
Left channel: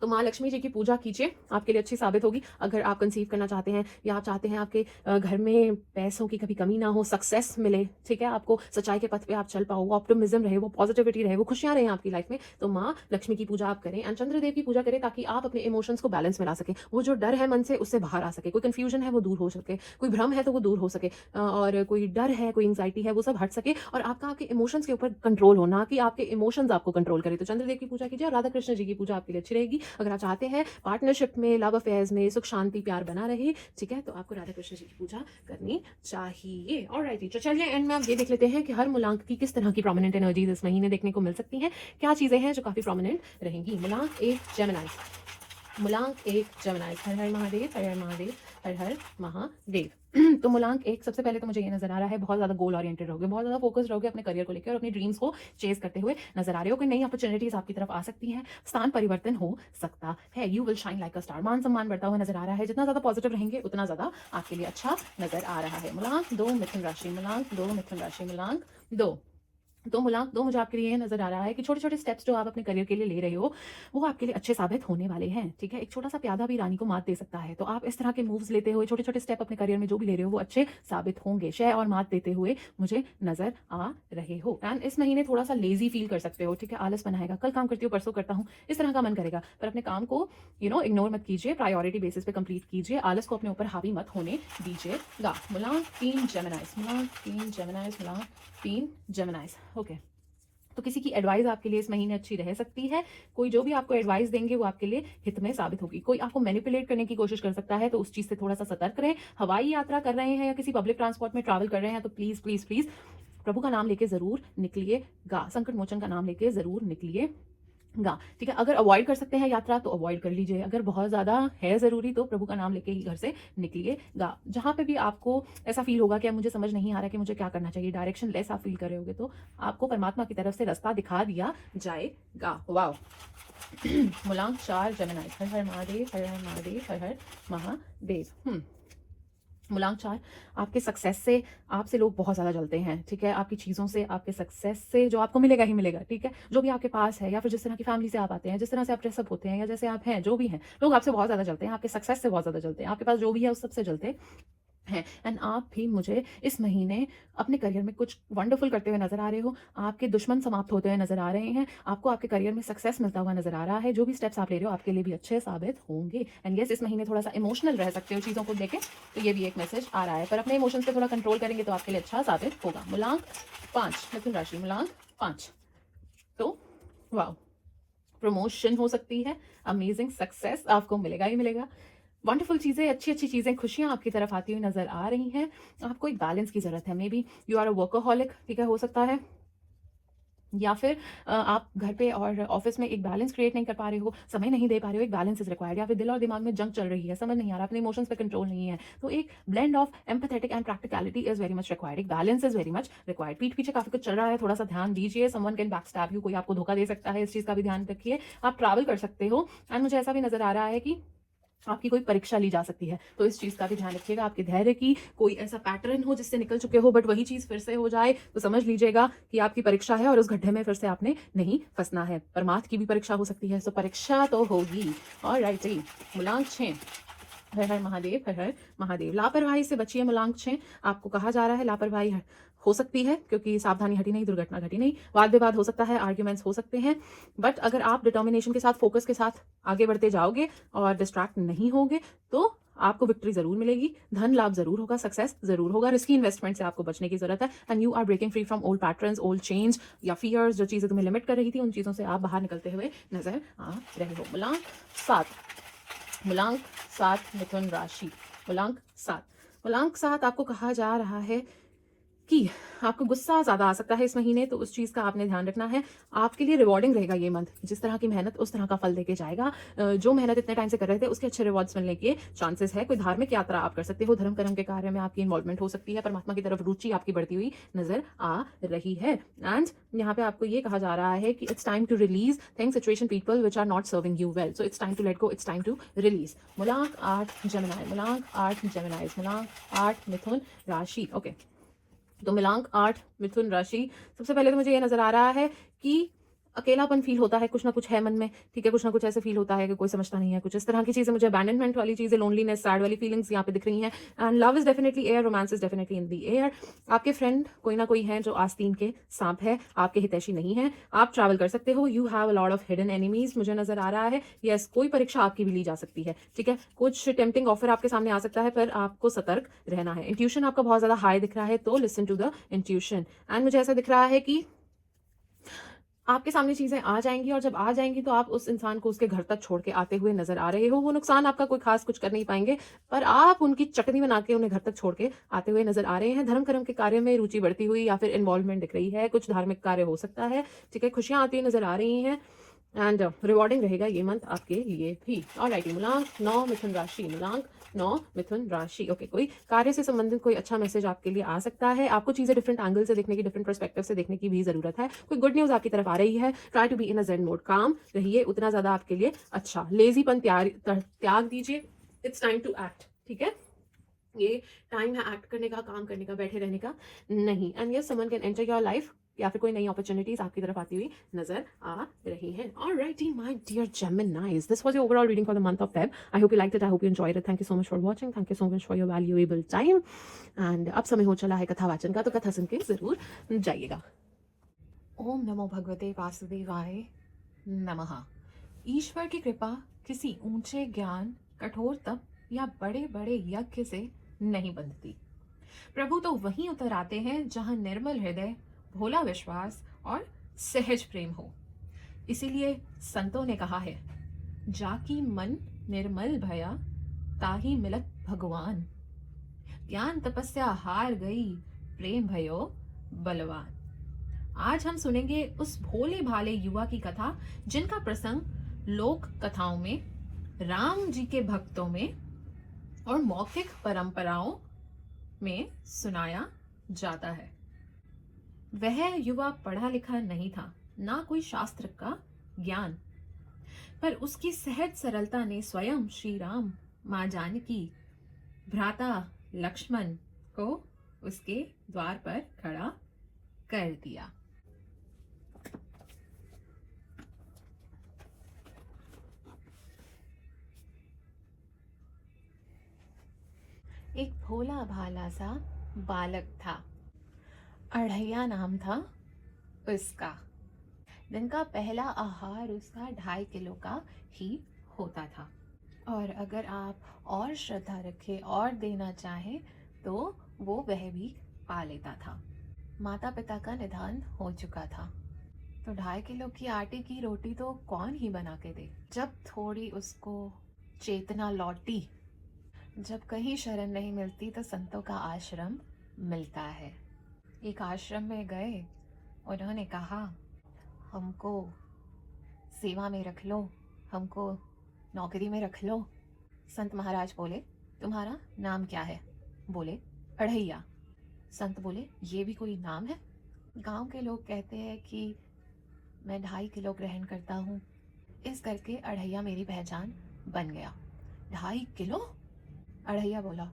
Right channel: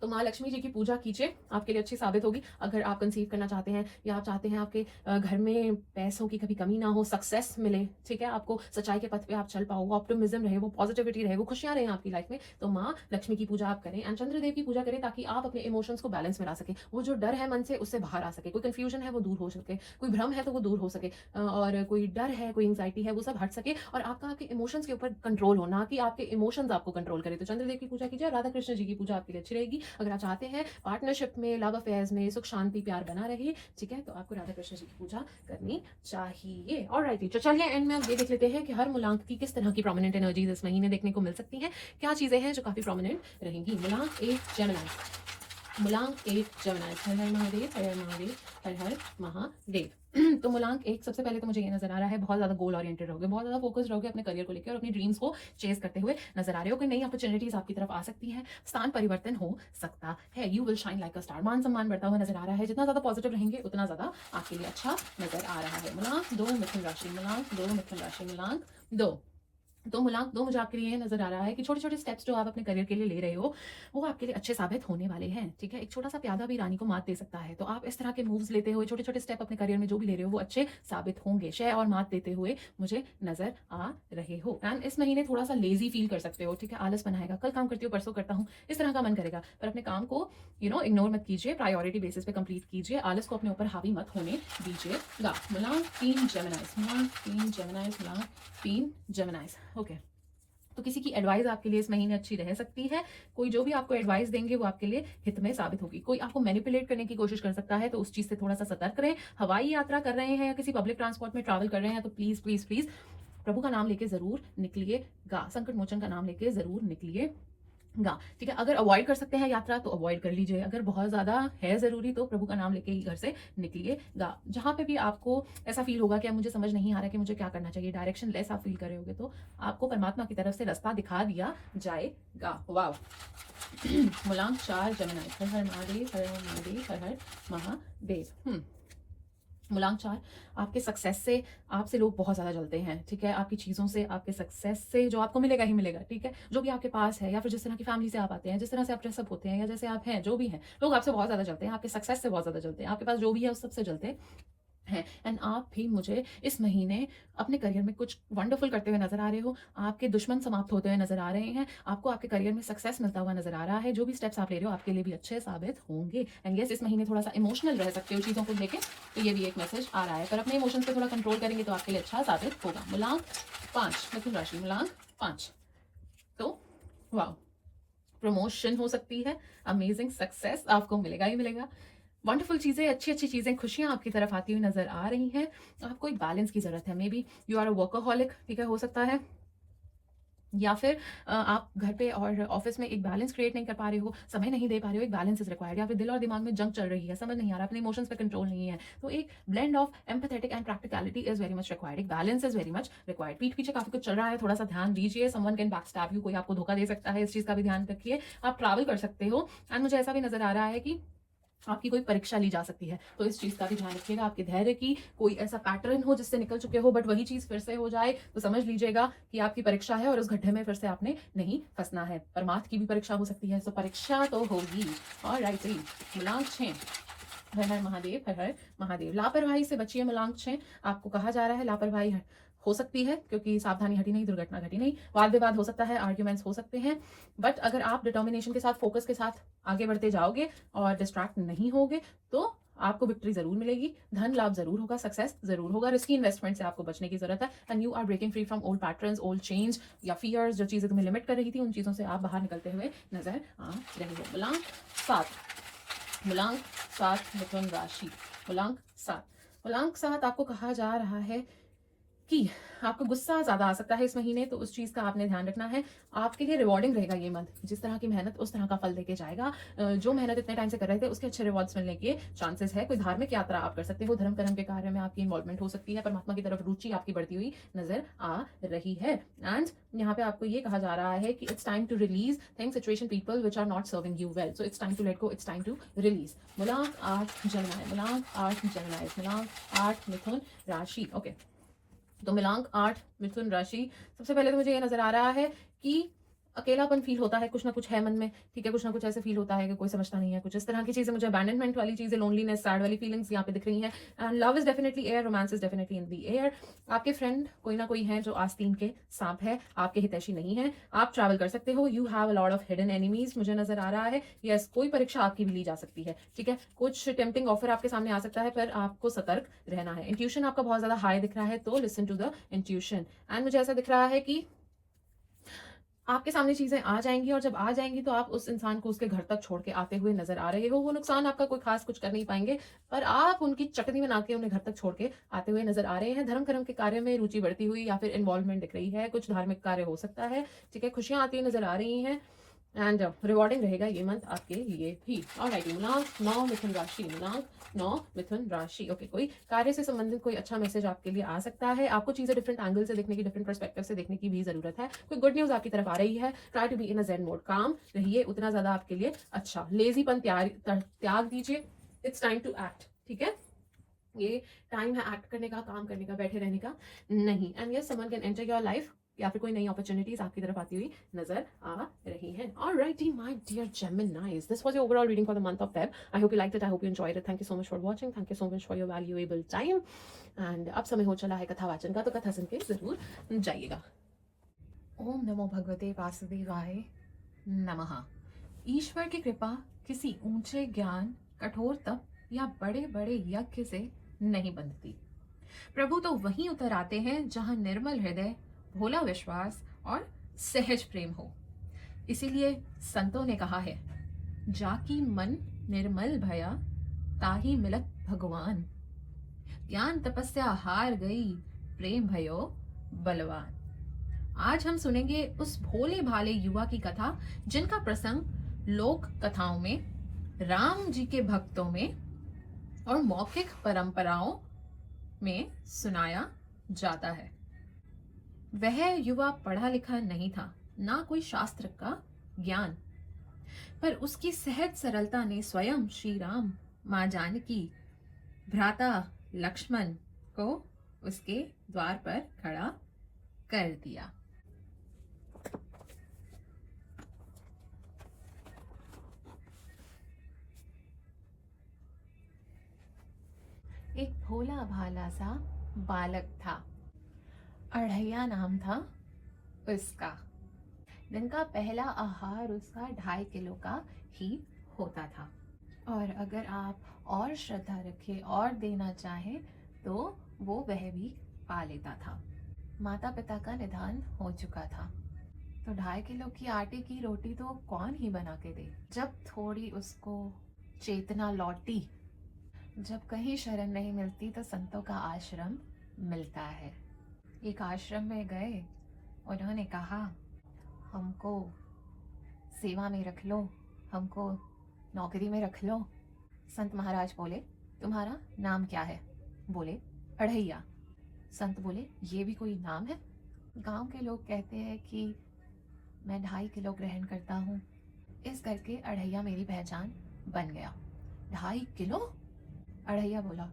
तो माँ लक्ष्मी जी की पूजा कीजिए, आपके लिए अच्छी साबित होगी। अगर आप कंसीव करना चाहते हैं, या आप चाहते हैं आपके घर में पैसों की कभी कमी ना हो, सक्सेस मिले, ठीक है, आपको सच्चाई के पथ पे आप चल पाओ, वो ऑप्टिमिज्म रहे, वो पॉजिटिविटी रहे, वो खुशियां रहे आपकी लाइफ में, तो माँ लक्ष्मी की पूजा आप करें। एंड चंद्रदेव की पूजा करें, ताकि आप अपने इमोशंस को बैलेंस में ला सके। वो जो डर है मन से, उससे बाहर आ सके। कोई कंफ्यूजन है वो दूर हो सके, कोई भ्रम है तो वो दूर हो सके, और कोई डर है, कोई एंग्जाइटी है, वो सब हट सके, और आपका आपके इमोशंस के ऊपर कंट्रोल हो, ना कि आपके इमोशंस आपको कंट्रोल करे। तो चंद्रदेव की पूजा कीजिए, और राधा कृष्ण जी की पूजा आपके लिए अच्छी रहेगी। अगर आप चाहते हैं पार्टनरशिप में, लव अफेयर्स में सुख शांति प्यार बना रहे, ठीक है, तो आपको राधा कृष्ण जी की पूजा करनी चाहिए। ऑलराइट, तो चलिए एंड में आप ये देख लेते हैं कि हर मूलांक की किस तरह की प्रोमिनेंट एनर्जीज इस महीने देखने को मिल सकती हैं, क्या चीजें हैं जो काफी प्रोमिनेंट रहेंगी। मूलांक 1 जेमिनी, मूलांक 1 जेमिनी, हर हर महादेव, हर हर महादेव, हर हर महादेव। तो मूलांक 1, सबसे पहले तो मुझे ये नजर आ रहा है, बहुत ज्यादा गोल ओरिएंटेड रहोगे, बहुत ज्यादा फोकस्ड रहोगे अपने करियर को लेकर, और अपनी ड्रीम्स को चेस करते हुए नजर आ रहे हो। कि नई अपॉर्चुनिटीज आपकी तरफ आ सकती है, स्थान परिवर्तन हो सकता है। You will shine like a star, मान सम्मान बढ़ता हुआ नजर आ रहा है। जितना ज्यादा पॉजिटिव रहेंगे उतना ज्यादा आपके लिए अच्छा नजर आ रहा है। मूलांक 2 मिथुन राशि, मूलांक 2 मिथुन राशि, मूलांक 2 तो मुलांक 2 मुझे आपके लिए ये नज़र आ रहा है कि छोटे-छोटे स्टेप्स जो आप अपने करियर के लिए ले रहे हो, वो आपके लिए अच्छे साबित होने वाले हैं, ठीक है? एक छोटा-सा प्यादा भी रानी को मात दे सकता है, तो आप इस तरह के मूव्स लेते हुए छोटे-छोटे स्टेप अपने करियर में जो भी ले रहे हो, वो अच्छे साबित होंगे। शय और मात देते हुए मुझे नज़र आ रहे हो। एंड इस महीने थोड़ा-सा लेज़ी फ़ील कर सकते हो, ठीक है? आलस बनाएगा, कल काम करती हूँ, परसों करता हूँ, इस तरह का मन करेगा। पर अपने काम को इग्नोर मत कीजिए, प्रायोरिटी बेसिस पे कंप्लीट कीजिए, आलस को अपने ऊपर हावी मत होने दीजिएगा। मुलांक 3 जेमिनाइज़, मुलांक 3 जेमिनाइज़, मुलांक 3 जेमिनाइज़, ओके। तो किसी की एडवाइस आपके लिए इस महीने अच्छी रह सकती है। कोई जो भी आपको एडवाइस देंगे वो आपके लिए हित में साबित होगी। कोई आपको मैनिपुलेट करने की कोशिश कर सकता है, तो उस चीज़ से थोड़ा-सा सतर्क रहें। हवाई यात्रा कर रहे हैं या किसी पब्लिक ट्रांसपोर्ट में ट्रैवल कर रहे हैं तो प्लीज़, प्लीज़, प्लीज़ प्रभु का नाम लेके ज़रूर निकलिएगा। संकट मोचन का नाम लेके ज़रूर निकलिए ठीक है? अगर अवॉइड कर सकते हैं यात्रा तो अवॉइड कर लीजिए। अगर बहुत ज़्यादा है ज़रूरी तो प्रभु का नाम लेके ही घर से निकलिएगा। जहाँ पे भी आपको ऐसा फ़ील होगा कि अब मुझे समझ नहीं आ रहा है कि मुझे क्या करना चाहिए, डायरेक्शन लेस आप फ़ील कर रहे होगे तो आपको परमात्मा की तरफ से रास्ता दिखा दिया जाएगा। वॉव! मूलांक 4 जेमिनी, हर हर महादेव, हर हर महादेव, हर हर महादेव। मूलांक 4 आपके सक्सेस से आपसे लोग बहुत ज़्यादा जलते हैं, ठीक है? आपकी चीज़ों से, आपके सक्सेस से जो आपको मिलेगा ही मिलेगा, ठीक है? जो भी आपके पास है या फिर जिस तरह की फैमिली से आप आते हैं, जिस तरह से आप ड्रेसअप होते हैं या जैसे आप हैं, जो भी हैं, लोग आपसे बहुत ज़्यादा जलते हैं, आपके सक्सेस से बहुत ज़्यादा जलते हैं, आपके पास जो भी है उस सब से जलते हैं। एंड आप भी मुझे इस महीने अपने करियर में कुछ वंडरफुल करते हुए नजर आ रहे हो। आपके दुश्मन समाप्त होते हुए नजर आ रहे हैं। आपको आपके करियर में सक्सेस मिलता हुआ नजर आ रहा है। जो भी स्टेप्स आप ले रहे हो आपके लिए भी अच्छे साबित होंगे। एंड यस, इस महीने थोड़ा सा इमोशनल रह सकते हो चीज़ों को लेके, तो ये भी एक मैसेज आ रहा है, पर अपने इमोशंस पे थोड़ा कंट्रोल करेंगे तो आपके लिए अच्छा साबित होगा। मूलांक 5, मिथुन राशि, मूलांक 5। तो वाह, प्रमोशन हो सकती है, अमेजिंग सक्सेस आपको मिलेगा ही मिलेगा। वंडरफुल चीज़ें, अच्छी-अच्छी चीज़ें, खुशियाँ आपकी तरफ आती हुई नज़र आ रही हैं। आपको एक बैलेंस की ज़रूरत है। Maybe you are a workaholic, ठीक है, हो सकता है, या फिर आप घर पे और ऑफिस में एक बैलेंस क्रिएट नहीं कर पा रहे हो, समय नहीं दे पा रहे हो, एक बैलेंस इज़ रिक्वायर्ड, या फिर दिल और दिमाग में जंग चल रही है, समझ नहीं आ रहा, अपने इमोशंस पे कंट्रोल नहीं है। तो एक blend of empathetic and practicality is very much required, एक balance is very much required. पीठ पीछे काफ़ी कुछ चल रहा है, थोड़ा-सा ध्यान दीजिए, समवन कैन बैकस्टैब यू, कोई आपको धोखा दे सकता है, इस चीज़ का भी ध्यान रखिए। आप ट्रैवल कर सकते हो एंड मुझे ऐसा भी नज़र आ रहा है कि आपकी कोई परीक्षा ली जा सकती है, तो इस चीज़ का भी ध्यान रखिएगा। आपके धैर्य की कोई ऐसा पैटर्न हो जिससे निकल चुके हो बट वही चीज़ फिर से हो जाए, तो समझ लीजिएगा कि आपकी परीक्षा है और उस गड्ढे में फिर से आपने नहीं फंसना है। परमार्थ की भी परीक्षा हो सकती है, सो परीक्षा तो होगी। ऑलराइट जी, मूलांक 6, हर हर महादेव, हर हर महादेव। लापरवाही से बचिए, मूलांक 6। आपको कहा जा रहा है लापरवाही हो सकती है क्योंकि सावधानी हटी नहीं, दुर्घटना घटी नहीं, वाद विवाद हो सकता है, आर्ग्यूमेंट्स हो सकते हैं, बट अगर आप डिटर्मिनेशन के साथ, फोकस के साथ आगे बढ़ते जाओगे और डिस्ट्रैक्ट नहीं होगे तो आपको विक्ट्री जरूर मिलेगी, धन लाभ जरूर होगा, सक्सेस जरूर होगा। रिस्की इन्वेस्टमेंट से आपको बचने की जरूरत है and you are breaking free from old patterns, old change या फियर्स, जो चीजें तुम्हें लिमिट कर रही थी उन चीजों से आप बाहर निकलते हुए नजर आ रहे हो। मूलांक 7, मूलांक 7, मिथुन राशि, मूलांक 7। मूलांक 7 आपको कहा जा रहा है कि आपको गुस्सा ज़्यादा आ सकता है इस महीने, तो उस चीज़ का आपने ध्यान रखना है। आपके लिए रिवॉर्डिंग रहेगा ये मंथ, जिस तरह की मेहनत उस तरह का फल देके जाएगा। जो मेहनत इतने टाइम से कर रहे थे उसके अच्छे रिवॉर्ड्स मिलने के चांसेस है। कोई धार्मिक यात्रा आप कर सकते हो, धर्म कर्म के कार्य में आपकी इन्वॉल्वमेंट हो सकती है, परमात्मा की तरफ रुचि आपकी बढ़ती हुई नजर आ रही है। एंड यहाँ पे आपको ये कहा जा रहा है कि it's time to release things, situation, people which are not serving you well, so it's time to let go, it's time to release. मूलांक 8 जेमिनी, मूलांक 8 जेमिनी, मूलांक 8 मिथुन राशि, ओके। तो मिलांक 8 मिथुन राशि, सबसे पहले तो मुझे ये नजर आ रहा है कि अकेलापन फील होता है, कुछ ना कुछ है मन में, ठीक है, कुछ ना कुछ ऐसे फील होता है कि कोई समझता नहीं है, कुछ इस तरह की चीजें, मुझे अबैंडनमेंट वाली चीजें, लोनलीनेस, सैड वाली फीलिंग्स यहाँ पे दिख रही हैं। And love is definitely air, romance is definitely in the air. आपके फ्रेंड कोई ना कोई है जो आस्तीन के सांप है, आपके हितैषी नहीं है। आप ट्रैवल कर सकते हो, you have a lot of hidden enemies मुझे नजर आ रहा है। यस, कोई परीक्षा आपकी भी ली जा सकती है, ठीक है, कुछ टेम्पटिंग ऑफर आपके सामने आ सकता है, पर आपको सतर्क रहना है। इंट्यूशन आपका बहुत ज्यादा हाई दिख रहा है, तो listen to the intuition. And मुझे ऐसा दिख रहा है कि आपके सामने चीजें आ जाएंगी और जब आ जाएंगी तो आप उस इंसान को उसके घर तक छोड़ के आते हुए नजर आ रहे हो। वो नुकसान आपका कोई खास कुछ कर नहीं पाएंगे, पर आप उनकी चटनी बना के उन्हें घर तक छोड़ के आते हुए नजर आ रहे हैं। धर्म कर्म के कार्य में रुचि बढ़ती हुई या फिर इन्वॉल्वमेंट दिख रही है, कुछ धार्मिक कार्य हो सकता है, ठीक है, खुशियां आती हुई नजर आ रही हैं एंड रिवॉर्डिंग रहेगा ये मंथ आपके लिए भी। ऑलराइट, मूलांक 9 मिथुन राशि, मूलांक 9 मिथुन राशि, ओके। कोई कार्य से संबंधित कोई अच्छा मैसेज आपके लिए आ सकता है। आपको चीजें डिफरेंट एंगल से देखने की, डिफरेंट पर्सपेक्टिव से देखने की भी जरूरत है। कोई गुड न्यूज आपकी तरफ आ रही है। Try to be in a zen mode, calm रहिए, उतना ज्यादा आपके लिए अच्छा। लेजीपन त्याग दीजिए, इट्स टाइम टू एक्ट, ठीक है, ये टाइम है एक्ट करने का, काम करने का, बैठे रहने का नहीं। And yes, someone can enter your life, या फिर कोई नई अपॉर्चुनिटीज आपकी तरफ आती हुई नजर आ रही हैं। Alrighty my dear Geminis, this was your overall reading for the month of Feb. I hope you liked it, I hope you enjoyed it. Thank you so much for watching, thank you so much for your valuable time. And अब समय हो चला है कथा वाचन का, तो कथा सुन के जरूर जाइएगा। ओम नमो भगवते वासुदेवाय नमः। ईश्वर की कृपा किसी ऊंचे ज्ञान, कठोर तप या बड़े बड़े यज्ञ से नहीं बंधती। प्रभु तो वहीं उतर आते हैं जहां निर्मल हृदय, भोला विश्वास और सहज प्रेम हो। इसीलिए संतों ने कहा है, जाकी मन निर्मल भया, ताही मिलत भगवान। ज्ञान तपस्या हार गई, प्रेम भयो बलवान। आज हम सुनेंगे उस भोले भाले युवा की कथा जिनका प्रसंग लोक कथाओं में, राम जी के भक्तों में और मौखिक परंपराओं में सुनाया जाता है। वह युवा पढ़ा लिखा नहीं था, ना कोई शास्त्र का ज्ञान, पर उसकी सहज सरलता ने स्वयं श्री राम, मां जानकी, भ्राता लक्ष्मण को उसके द्वार पर खड़ा कर दिया। एक भोला भाला सा बालक था, अढ़ैया नाम था उसका। दिन का पहला आहार उसका 2.5 किलो का ही होता था, और अगर आप और श्रद्धा रखे और देना चाहे तो वो वह भी पा लेता था। माता पिता का निधन हो चुका था, तो 2.5 किलो की आटे की रोटी तो कौन ही बना के दे। जब थोड़ी उसको चेतना लौटी, जब कहीं शरण नहीं मिलती तो संतों का आश्रम मिलता है। एक आश्रम में गए, उन्होंने कहा, हमको सेवा में रख लो, हमको नौकरी में रख लो। संत महाराज बोले, तुम्हारा नाम क्या है? बोले, अढ़ैया। संत बोले, ये भी कोई नाम है? गांव के लोग कहते हैं कि मैं 2.5 किलो ग्रहण करता हूँ, इस करके अढ़ैया मेरी पहचान बन गया। 2.5 किलो? अढ़ैया बोला,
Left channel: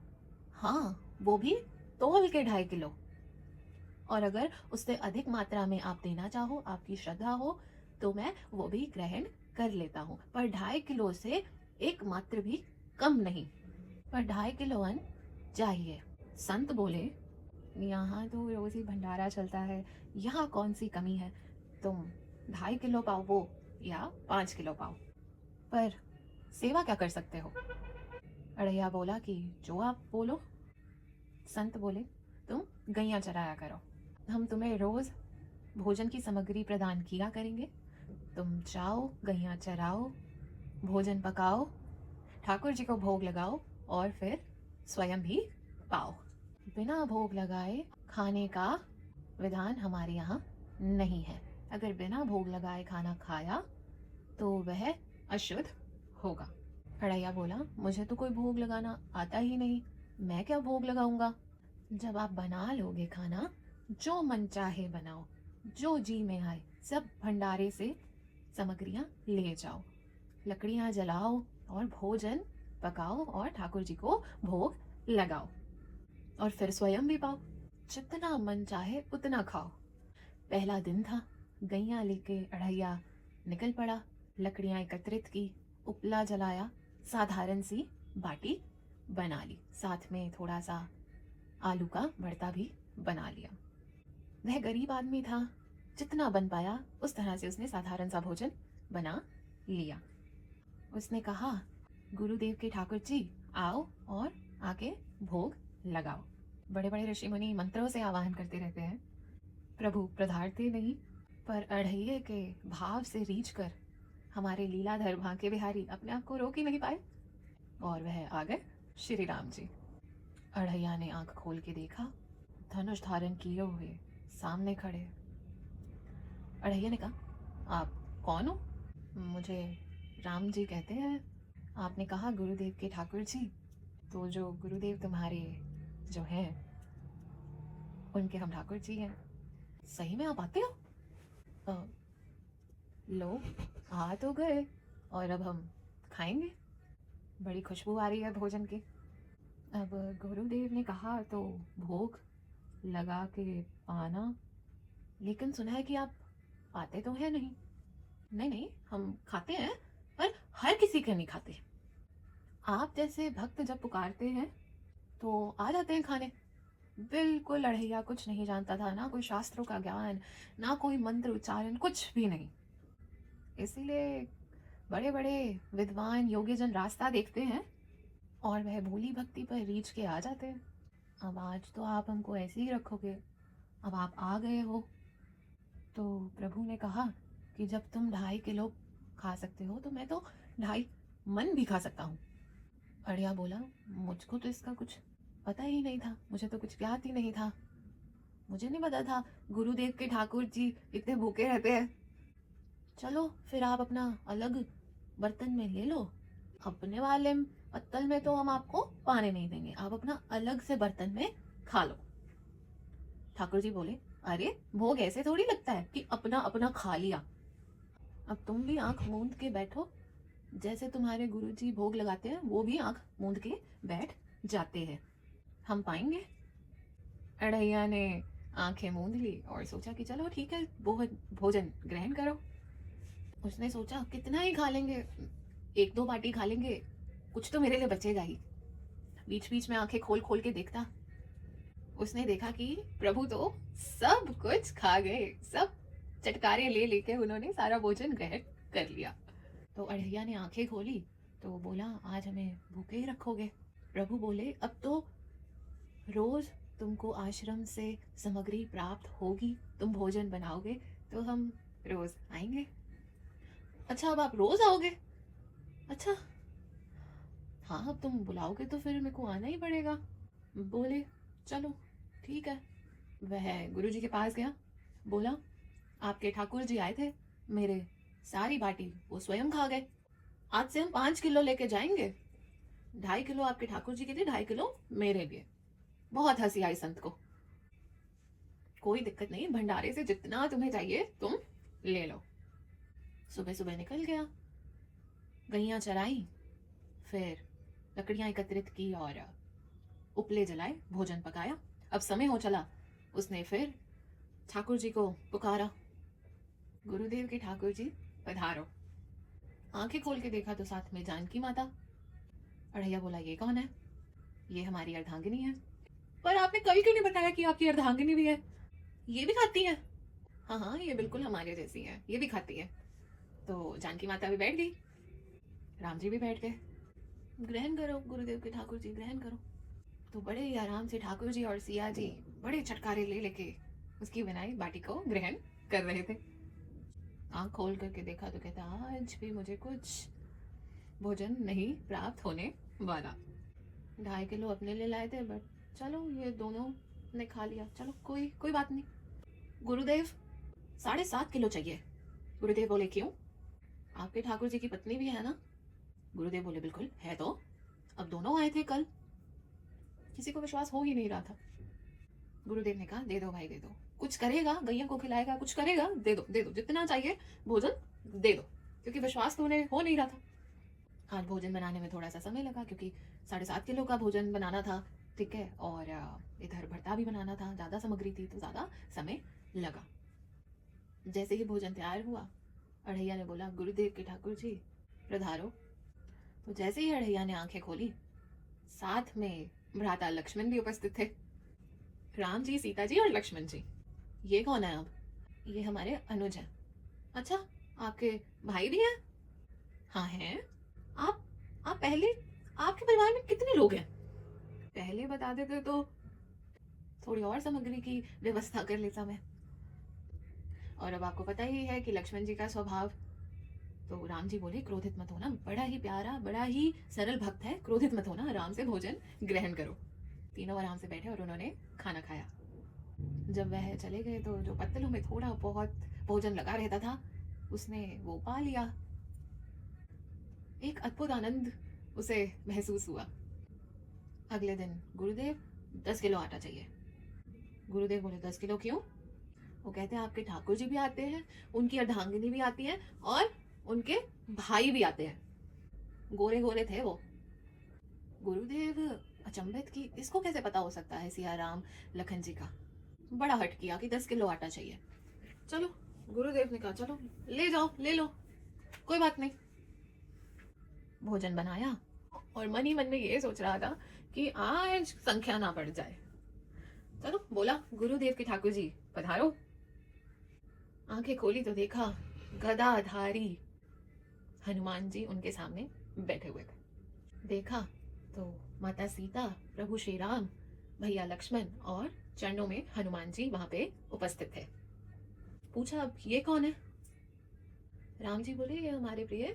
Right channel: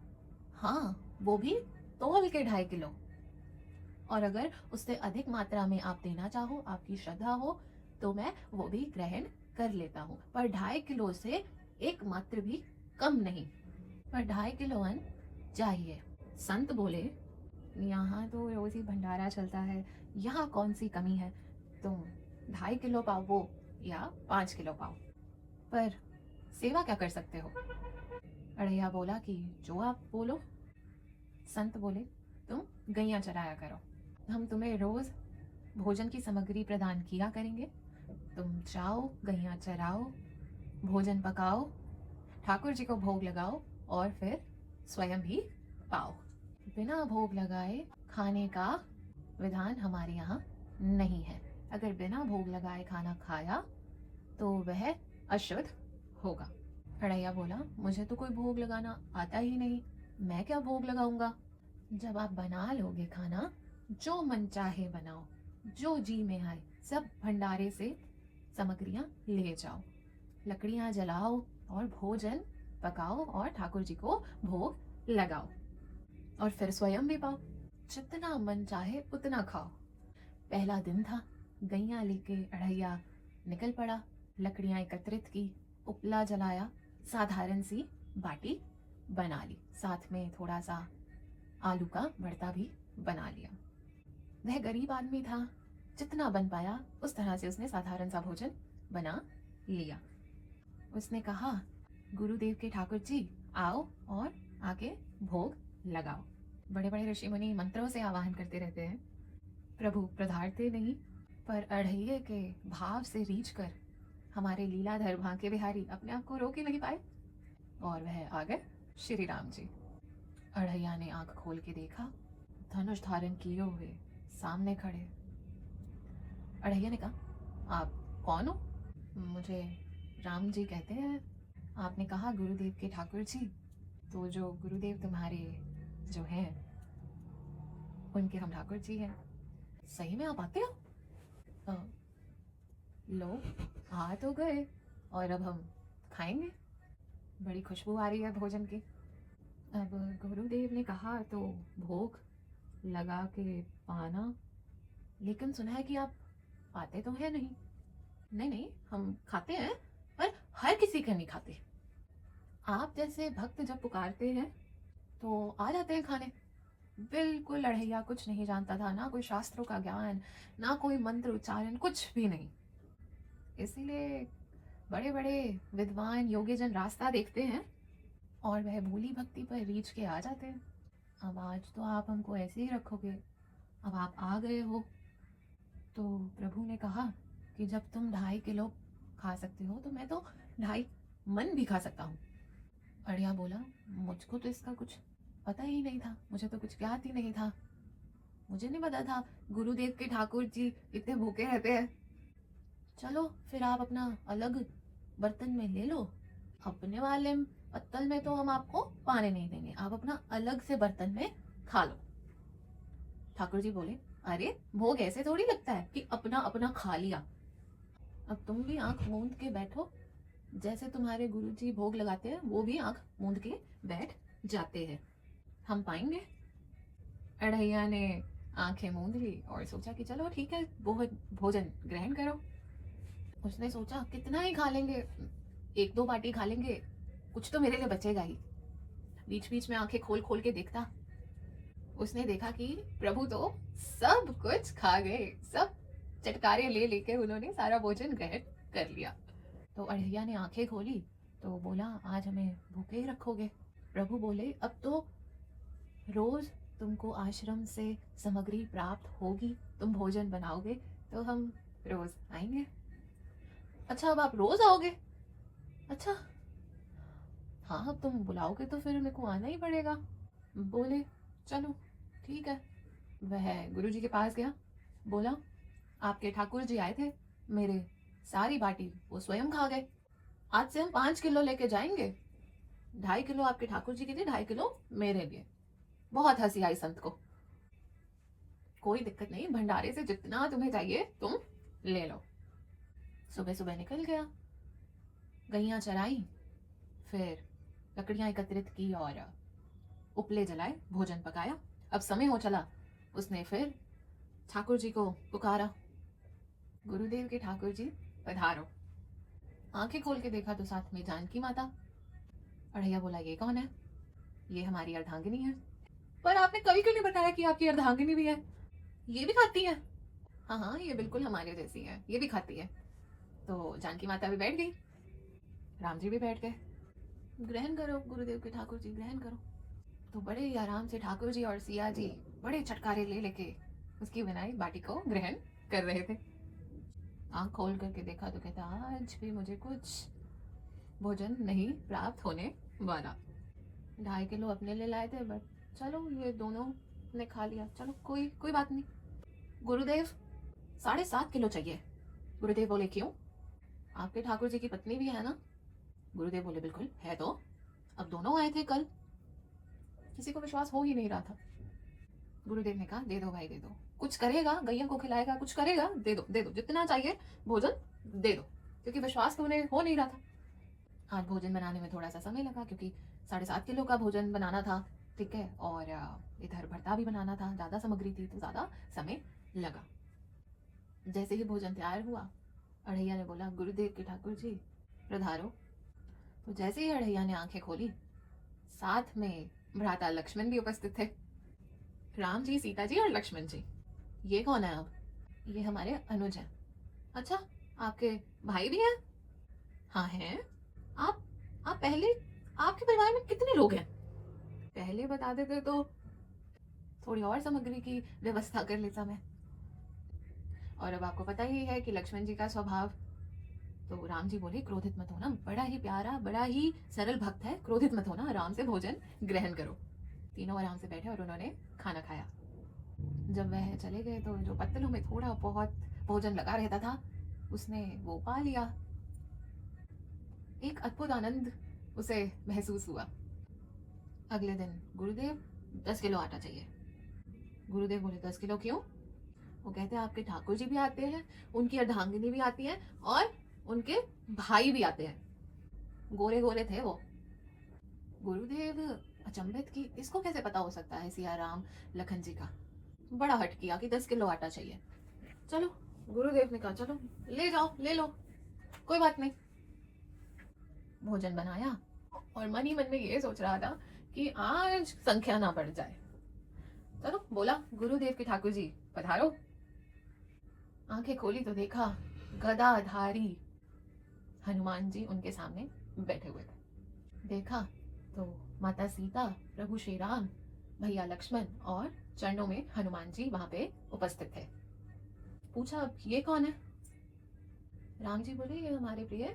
हाँ, वो भी तोल के 2.5 किलो। और अगर उससे अधिक मात्रा में आप देना चाहो, आपकी श्रद्धा हो, तो मैं वो भी ग्रहण कर लेता हूँ, पर 2.5 किलो से एक मात्र भी कम नहीं, पर 2.5 किलो अन्न चाहिए। संत बोले, यहाँ तो रोज ही भंडारा चलता है, यहाँ कौन सी कमी है, तुम 2.5 किलो पाओ वो या 5 किलो पाओ, पर सेवा क्या कर सकते हो? अढ़ैया बोला कि जो आप बोलो। संत बोले, तुम गैया चराया करो, हम तुम्हें रोज भोजन की सामग्री प्रदान किया करेंगे, तुम जाओ, गैया चराओ, भोजन पकाओ, ठाकुर जी को भोग लगाओ और फिर स्वयं भी पाओ। बिना भोग लगाए खाने का विधान हमारे यहाँ नहीं है। अगर बिना भोग लगाए खाना खाया तो वह अशुद्ध होगा। अढ़ैया बोला, मुझे तो कोई भोग लगाना आता ही नहीं, मैं क्या भोग लगाऊंगा? जब आप बना लोगे खाना, जो मन चाहे बनाओ, जो जी में आए, सब भंडारे से सामग्रियां ले जाओ, लकड़ियां जलाओ और भोजन पकाओ और ठाकुर जी को भोग लगाओ, और फिर स्वयं भी पाओ, जितना मन चाहे उतना खाओ। पहला दिन था, गैया लेके अढ़ैया निकल पड़ा, लकड़ियां एकत्रित की, उपला जलाया, साधारण सी बाटी बना ली, साथ में थोड़ा सा आलू का भरता भी बना लिया। वह गरीब आदमी था, जितना बन पाया उस तरह से उसने साधारण सा भोजन बना लिया। उसने कहा, गुरुदेव के ठाकुर जी आओ और आके भोग लगाओ। बड़े बड़े ऋषि मुनि मंत्रों से आवाहन करते रहते हैं, प्रभु पधारते नहीं, पर अढ़ैये के भाव से रीझ कर हमारे लीलाधर भांके बिहारी अपने आप को रोक ही नहीं पाए, और वह आ गए श्री राम जी। अढ़ैया ने आंख खोल के देखा, धनुष धारण किए हुए सामने खड़े। अढ़ैया ने कहा, आप कौन हो? मुझे राम जी कहते हैं। आपने कहा गुरुदेव के ठाकुर जी, तो जो गुरुदेव तुम्हारे जो हैं उनके हम ठाकुर जी हैं। सही में आप आते हो? लो, आ तो गए, और अब हम खाएंगे, बड़ी खुशबू आ रही है भोजन की। अब गुरुदेव ने कहा तो भोग लगा के पाना लेकिन सुना है कि आप पाते तो हैं नहीं। नहीं नहीं, हम खाते हैं, पर हर किसी के नहीं खाते। आप जैसे भक्त जब पुकारते हैं तो आ जाते हैं खाने। बिल्कुल लड़ैया, कुछ नहीं जानता था, ना कोई शास्त्रों का ज्ञान, ना कोई मंत्र उच्चारण, कुछ भी नहीं। इसीलिए बड़े बड़े विद्वान योगी जन रास्ता देखते हैं और वह भोली भक्ति पर रीझ के आ जाते हैं। अब आज तो आप हमको ऐसे ही रखोगे। अब आप आ गए हो तो प्रभु ने कहा कि जब तुम 2.5 किलो खा सकते हो तो मैं तो 2.5 मन भी खा सकता हूँ। अड़िया बोला, मुझको तो इसका कुछ पता ही नहीं था, मुझे तो कुछ ज्ञात ही नहीं था। मुझे नहीं पता था गुरुदेव के ठाकुर जी इतने भूखे रहते हैं। चलो फिर आप अपना अलग बर्तन में ले लो, अपने वाले पत्तल में तो हम आपको पाने नहीं देंगे, आप अपना अलग से बर्तन में खा लो। ठाकुर जी बोले, अरे भोग ऐसे थोड़ी लगता है कि अपना अपना खा लिया। अब तुम भी आंख मूंद के बैठो, जैसे तुम्हारे गुरुजी भोग लगाते हैं वो भी आंख मूंद के बैठ जाते हैं। हम पाएंगे। अड़ैया ने आंखें मूंद ली और सोचा कि चलो ठीक है, भोजन ग्रहण करो। उसने सोचा कितना ही खा लेंगे, 1-2 बाटी खा लेंगे, कुछ तो मेरे लिए बचेगा ही। बीच बीच में आंखें खोल खोल के देखता। उसने देखा कि प्रभु तो सब कुछ खा गए, सब चटकारे ले लेके उन्होंने सारा भोजन ग्रहण कर लिया। तो अड़ैया ने आंखें खोली तो बोला, आज हमें भूखे ही रखोगे? प्रभु बोले, अब तो रोज तुमको आश्रम से सामग्री प्राप्त होगी, तुम भोजन बनाओगे तो हम रोज आएंगे। अच्छा, अब आप रोज आओगे? अच्छा हाँ, अब तुम बुलाओगे तो फिर मेरे को आना ही पड़ेगा। बोले, चलो ठीक है। वह गुरुजी के पास गया, बोला, आपके ठाकुर जी आए थे, मेरे सारी बाटी वो स्वयं खा गए। आज से हम 5 किलो लेके जाएंगे, 2.5 किलो आपके ठाकुर जी के लिए, 2.5 किलो मेरे लिए। बहुत हंसी आई संत को। कोई दिक्कत नहीं, भंडारे से जितना तुम्हें चाहिए तुम ले लो। सुबह सुबह निकल गया, गैया चराई, फिर लकड़ियां एकत्रित की और उपले जलाए, भोजन पकाया। अब समय हो चला, उसने फिर ठाकुर जी को पुकारा, गुरुदेव के ठाकुर जी पधारो। आंखें खोल के देखा तो साथ में जानकी माता। अड़ैया बोला, ये कौन है? ये हमारी अर्धांगिनी है। पर आपने कल क्यों नहीं बताया कि आपकी अर्धांगिनी भी है? ये भी खाती है? हाँ हाँ, ये बिल्कुल हमारे जैसी है, ये भी खाती है। तो जानकी माता भी बैठ गई, राम जी भी बैठ गए। ग्रहण करो गुरुदेव के ठाकुर जी, ग्रहण करो। तो बड़े ही आराम से ठाकुर जी और सिया जी बड़े छटकारे ले लेके उसकी बनाई बाटी को ग्रहण कर रहे थे। आंख खोल करके देखा तो कहता, आज भी मुझे कुछ भोजन नहीं प्राप्त होने वाला। 2.5 किलो अपने लिए लाए थे, बट चलो ये दोनों ने खा लिया, चलो कोई कोई बात नहीं। गुरुदेव 7.5 किलो चाहिए। गुरुदेव बोले, क्यों? आपके ठाकुर जी की पत्नी भी है ना? गुरुदेव बोले, बिल्कुल है तो, अब दोनों आए थे कल। किसी को विश्वास हो ही नहीं रहा था। गुरुदेव ने कहा, दे दो भाई, दे दो, कुछ करेगा, गैया को खिलाएगा, कुछ करेगा, दे दो दे दो, जितना चाहिए भोजन दे दो, क्योंकि विश्वास तो उन्हें हो नहीं रहा था। आज भोजन बनाने में थोड़ा सा समय लगा, क्योंकि 7.5 किलो का भोजन बनाना था, ठीक है, और इधर भरता भी बनाना था, ज़्यादा सामग्री थी तो ज़्यादा समय लगा। जैसे ही भोजन तैयार हुआ, अड़ैया ने बोला, गुरुदेव के ठाकुर जी पधारो। तो जैसे ही अड़ैया ने आंखें खोली, साथ में भ्राता लक्ष्मण भी उपस्थित थे। राम जी, सीता जी और लक्ष्मण जी। ये कौन है? अब ये हमारे अनुज हैं। अच्छा, आपके भाई भी हैं? हाँ हैं। आप आप पहले, आपके परिवार में कितने लोग हैं? पहले बता देते तो थोड़ी और सामग्री की व्यवस्था कर लेता मैं। और अब आपको पता ही है कि लक्ष्मण जी का स्वभाव। तो राम जी बोले, क्रोधित मत होना, बड़ा ही प्यारा, बड़ा ही सरल भक्त है, क्रोधित मत होना, आराम से भोजन ग्रहण करो। तीनों आराम से बैठे और उन्होंने खाना खाया। जब वह चले गए तो जो पत्तलों में थोड़ा बहुत भोजन लगा रहता था, उसने वो पा लिया। एक अद्भुत आनंद उसे महसूस हुआ। अगले दिन, गुरुदेव 10 किलो आटा चाहिए। गुरुदेव बोले, 10 किलो क्यों? वो कहते हैं, आपके ठाकुर जी भी आते हैं, उनकी अर्धांगिनी भी आती है, और उनके भाई भी आते हैं। गोरे गोरे थे वो। गुरुदेव अचंभित की, इसको कैसे पता हो सकता है सिया राम लखन जी का? बड़ा हट किया कि 10 किलो आटा चाहिए। चलो, गुरुदेव ने कहा चलो ले जाओ, ले लो, कोई बात नहीं। भोजन बनाया और मन ही मन में ये सोच रहा था कि आज संख्या ना बढ़ जाए। चलो बोला, गुरुदेव के ठाकुर जी पधारो। आंखें खोली तो देखा गदाधारी हनुमान जी उनके सामने बैठे हुए थे। देखा तो माता सीता, प्रभु श्री राम, भैया लक्ष्मण और चरणों में हनुमान जी वहां पे उपस्थित थे। पूछा अब ये कौन है? राम जी बोले ये हमारे प्रिय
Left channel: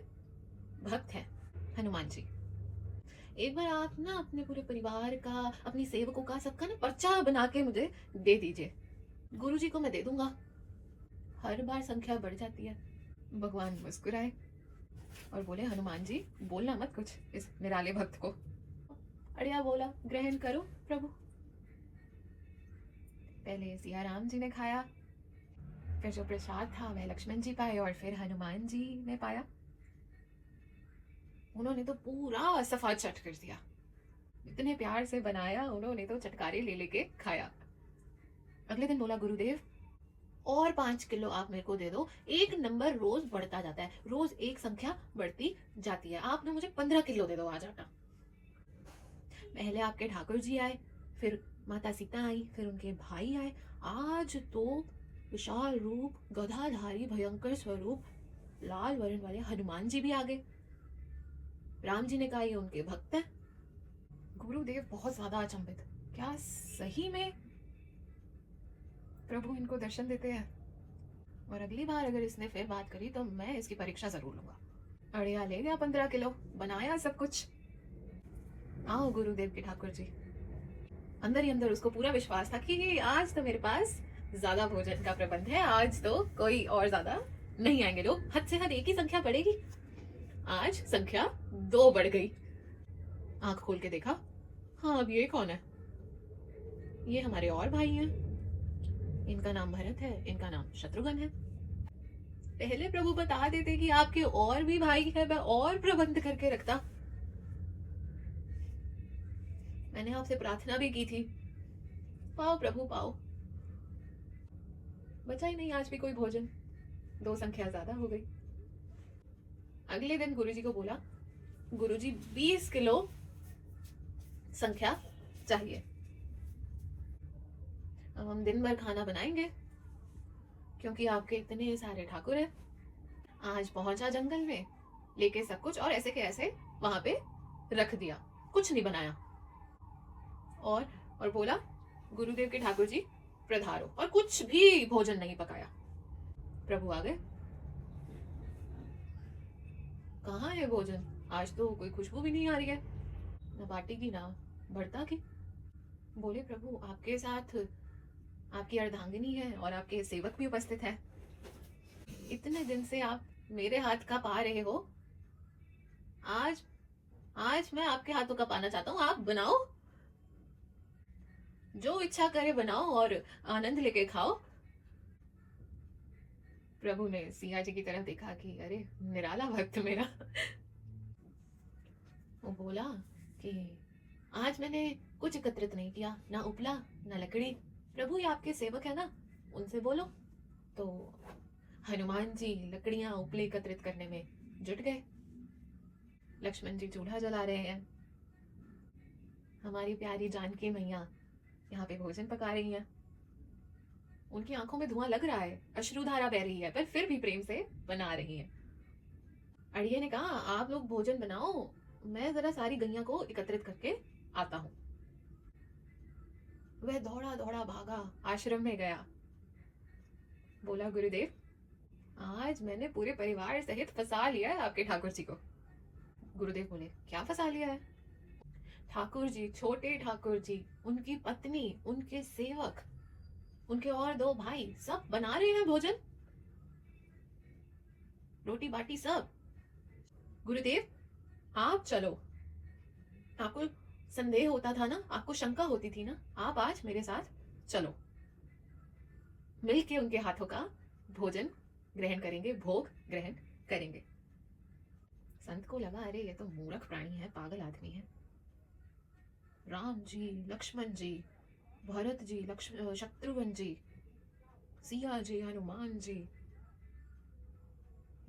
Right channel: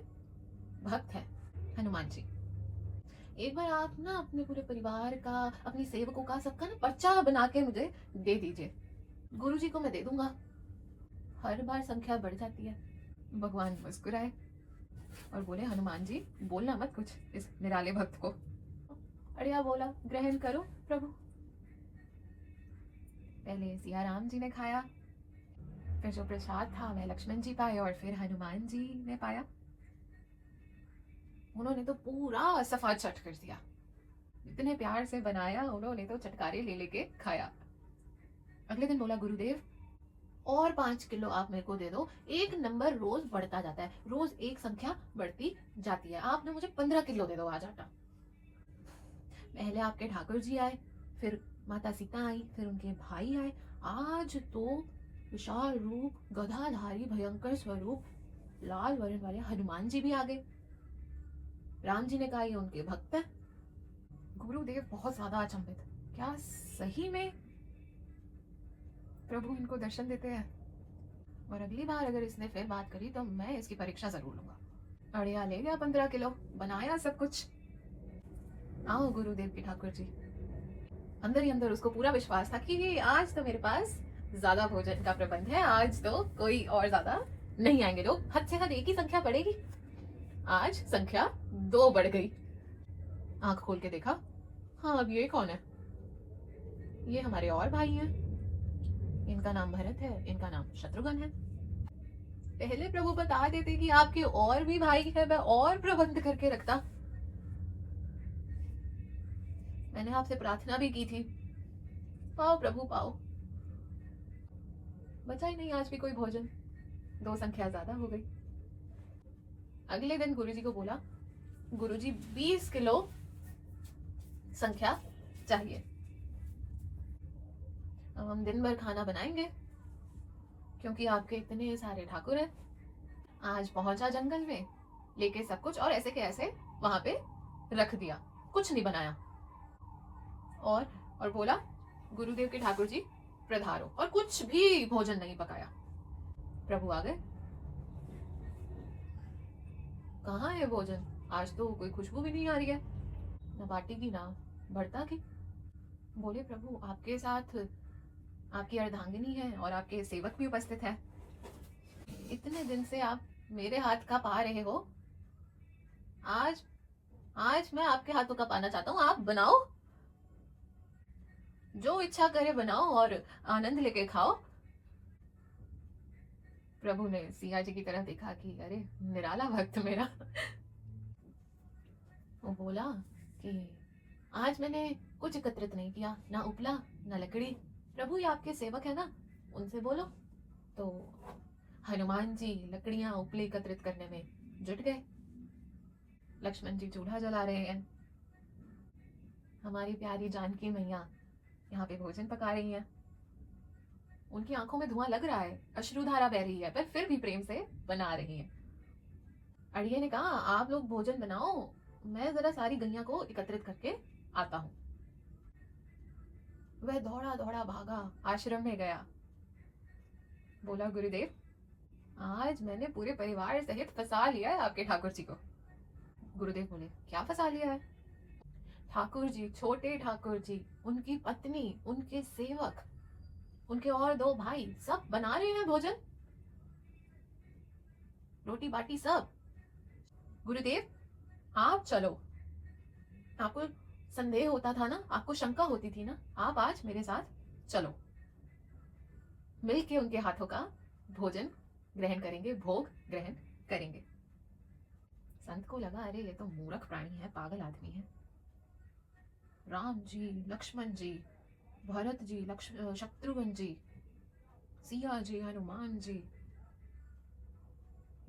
भक्त हैं हनुमान जी। एक बार आप ना अपने पूरे परिवार का, अपनी सेवकों का, सबका ना पर्चा बना के मुझे दे दीजिए, गुरु जी को मैं दे दूंगा। हर बार संख्या बढ़ जाती है। भगवान मुस्कुराए और बोले हनुमान जी बोलना मत कुछ इस निराले भक्त को। अड़िया बोला ग्रहण करो प्रभु। पहले सिया राम जी ने खाया, फिर जो प्रसाद था वह लक्ष्मण जी पाए और फिर हनुमान जी ने पाया। उन्होंने तो पूरा सफा चट कर दिया। इतने प्यार से बनाया, उन्होंने तो चटकारे ले लेके खाया। अगले दिन बोला गुरुदेव और 5 किलो आप मेरे को दे दो, एक नंबर रोज बढ़ता जाता है, रोज एक संख्या बढ़ती जाती है, आपने मुझे 15 किलो दे दो आज आटा। पहले आपके ठाकुर जी आए, फिर माता सीता आई, फिर उनके भाई आए, आज तो विशाल रूप, गधाधारी भयंकर स्वरूप, लाल वर्ण वाले हनुमान जी भी आ गए। राम जी ने कहा ये उनके भक्त हैं। गुरुदेव बहुत ज्यादा अचंभित, क्या सही में प्रभु इनको दर्शन देते हैं? और अगली बार अगर इसने फिर बात करी तो मैं इसकी परीक्षा जरूर लूंगा। अड़िया ले गया 15 किलो, बनाया सब कुछ। आओ गुरुदेव के ठाकुर जी। अंदर ही अंदर उसको पूरा विश्वास था कि आज तो मेरे पास ज्यादा भोजन का प्रबंध है, आज तो कोई और ज्यादा नहीं आएंगे लोग, हद से हद एक ही संख्या बढ़ेगी। आज संख्या 2 बढ़ गई। आंख खोल के देखा, हाँ अब ये कौन है? ये हमारे और भाई हैं, इनका नाम भरत है, इनका नाम शत्रुघ्न है। पहले प्रभु बता देते कि आपके और भी भाई है, मैं और प्रबंध करके रखता। मैंने आपसे प्रार्थना भी की थी, पाओ प्रभु पाओ। बचा ही नहीं आज भी कोई भोजन, 2 संख्या ज्यादा हो गई। अगले दिन गुरुजी को बोला, गुरुजी 20 किलो संख्या चाहिए। अब हम दिन भर खाना बनाएंगे क्योंकि आपके इतने सारे ठाकुर हैं। आज पहुंचा जंगल में लेके सब कुछ और ऐसे के ऐसे वहां पे रख दिया, कुछ नहीं बनाया। और बोला गुरुदेव के ठाकुर जी प्रधारो, और कुछ भी भोजन नहीं पकाया। प्रभु आ गए, कहाँ है भोजन? आज तो कोई खुशबू भी नहीं आ रही है, ना बाटी की ना भरता की। बोले प्रभु आपके साथ आपकी अर्धांगिनी है और आपके सेवक भी उपस्थित है, इतने दिन से आप मेरे हाथ का पा रहे हो, आज आज मैं आपके हाथों का पाना चाहता हूँ, आप बनाओ, जो इच्छा करे बनाओ और आनंद लेके खाओ। प्रभु ने सिया जी की तरफ देखा कि अरे निराला भक्त मेरा। वो बोला कि आज मैंने कुछ एकत्रित नहीं किया, ना उपला ना लकड़ी, प्रभु ये आपके सेवक है ना, उनसे बोलो। तो हनुमान जी लकड़ियां उपले एकत्रित करने में जुट गए, लक्ष्मण जी चूल्हा जला रहे हैं, हमारी प्यारी जानकी मैया यहाँ पे भोजन पका रही हैं। उनकी आंखों में धुआं लग रहा है, अश्रुधारा बह रही है, पर फिर भी प्रेम से बना रही हैं। अड़िये ने कहा आप लोग भोजन बनाओ, मैं जरा सारी गैया को एकत्रित करके आता हूं। वह दौड़ा दौड़ा भागा, आश्रम में गया, बोला गुरुदेव आज मैंने पूरे परिवार सहित फंसा लिया है आपके ठाकुर जी को। गुरुदेव बोले क्या फंसा लिया है? ठाकुर जी, छोटे ठाकुर जी, उनकी पत्नी, उनके सेवक, उनके और 2 भाई सब बना रहे हैं भोजन, रोटी बाटी सब। गुरुदेव आप चलो, आपको संदेह होता था ना, आपको शंका होती थी ना, आप आज मेरे साथ चलो, मिलके उनके हाथों का भोजन ग्रहण करेंगे, भोग ग्रहण करेंगे। संत को लगा अरे ये तो मूर्ख प्राणी है, पागल आदमी है। राम जी, लक्ष्मण जी, भरत जी, शत्रुघ्न जी सिया जी, हनुमान जी,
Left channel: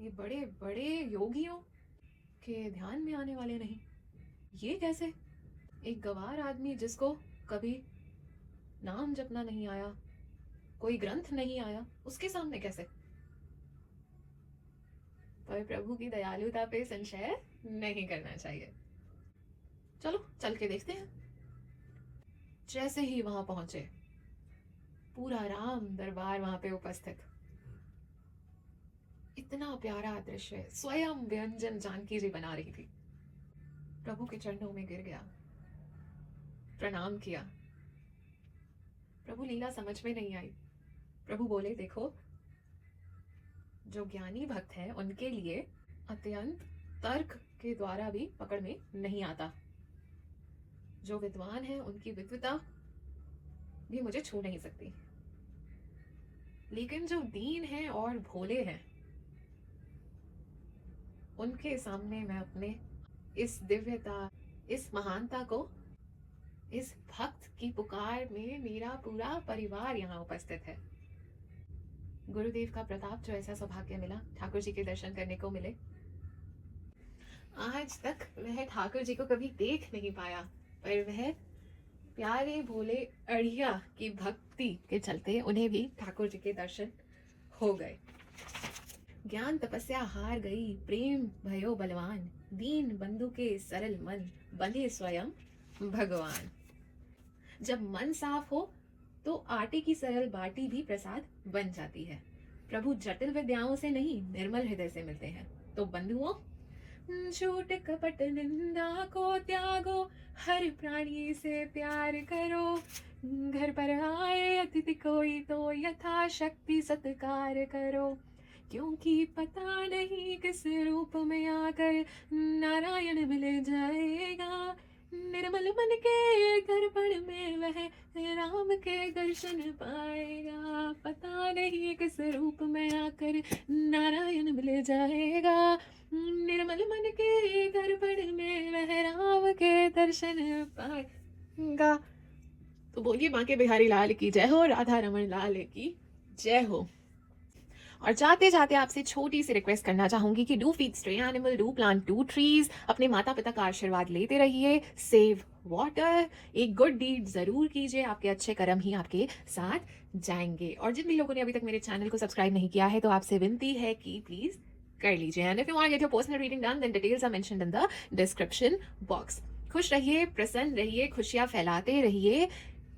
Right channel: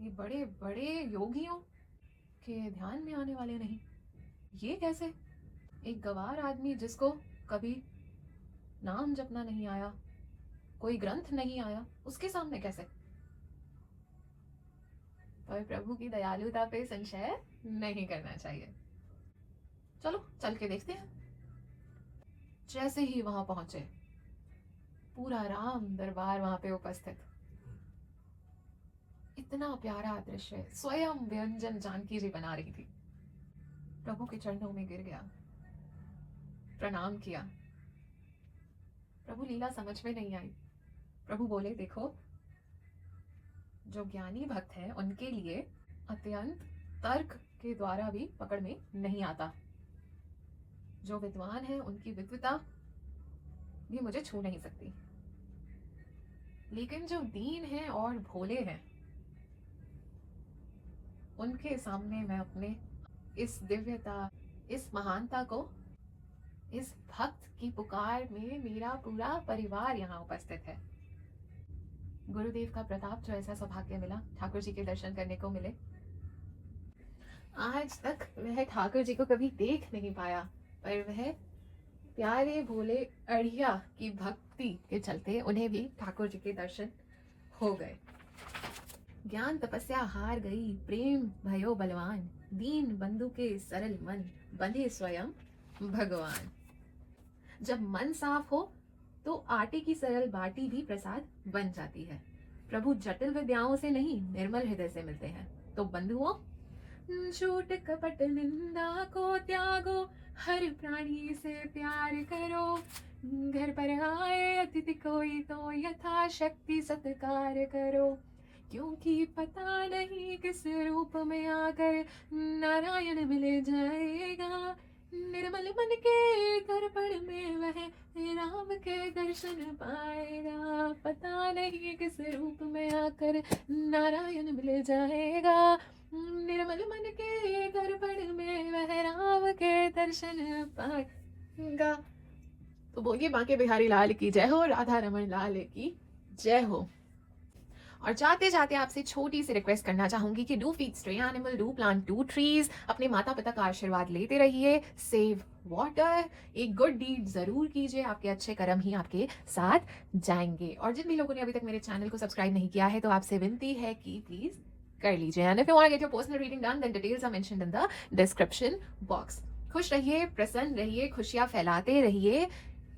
ये बड़े बड़े योगियों के ध्यान में आने वाले नहीं। ये कैसे? एक गवार आदमी जिसको कभी नाम जपना नहीं आया, कोई ग्रंथ नहीं आया, उसके सामने कैसे? पर प्रभु की दयालुता पे संशय नहीं करना चाहिए। चलो चल के देखते हैं। जैसे ही वहां पहुंचे, पूरा राम दरबार वहां पे उपस्थित। इतना प्यारा दृश्य, स्वयं व्यंजन जानकी जी बना रही थी। प्रभु के चरणों में गिर गया, प्रणाम किया। प्रभु लीला समझ में नहीं आई। प्रभु बोले, देखो, जो ज्ञानी भक्त हैं उनके लिए अत्यंत तर्क के द्वारा भी पकड़ में नहीं आता। जो विद्वान हैं उनकी विद्वता भी मुझे छू नहीं सकती, लेकिन जो दीन हैं और भोले हैं उनके सामने मैं अपने इस दिव्यता, इस महानता को, इस भक्त की पुकार में मेरा पूरा परिवार यहाँ उपस्थित है। गुरुदेव का प्रताप, जो ऐसा सौभाग्य मिला ठाकुर जी के दर्शन करने को मिले। आज तक वह ठाकुर जी को कभी देख नहीं पाया, पर वह प्यारे भोले अड़िया की भक्ति के चलते उन्हें भी ठाकुर जी के दर्शन हो गए। ज्ञान तपस्या हार गई, प्रेम भयो बलवान, दीन बंधु के सरल मन, बने स्वयं भगवान। जब मन साफ हो तो आटे की सरल बाटी भी प्रसाद बन जाती है। प्रभु जटिल विद्याओं से नहीं, निर्मल हृदय से मिलते हैं। तो बंधुओं, झूठ कपट निंदा को त्यागो, हर प्राणी से प्यार करो। घर पर आए अतिथि कोई तो यथाशक्ति सत्कार करो, क्योंकि पता नहीं किस रूप में आकर नारायण मिल जाएगा। निर्मल मन के दर्पण में वह राम के दर्शन पाएगा। पता नहीं किस रूप में आकर नारायण मिल जाएगा। निर्मल मन के दर्पण में वह राम के दर्शन पाएगा। तो बोलिए बांके बिहारी लाल की जय हो, राधा रमन लाल की जय हो। और जाते जाते आपसे छोटी सी रिक्वेस्ट करना चाहूंगी कि do feed stray animal, do plant 2 trees, अपने माता पिता का आशीर्वाद लेते रहिए, सेव वाटर, एक गुड डीड जरूर कीजिए, आपके अच्छे कर्म ही आपके साथ जाएंगे। और जिन भी लोगों ने अभी तक मेरे चैनल को सब्सक्राइब नहीं किया है तो आपसे विनती है कि प्लीज कर लीजिए। And if you want to get your personal reading done, then details are mentioned in the description box. खुश रहिए, प्रसन्न रहिए, खुशियां फैलाते रहिए,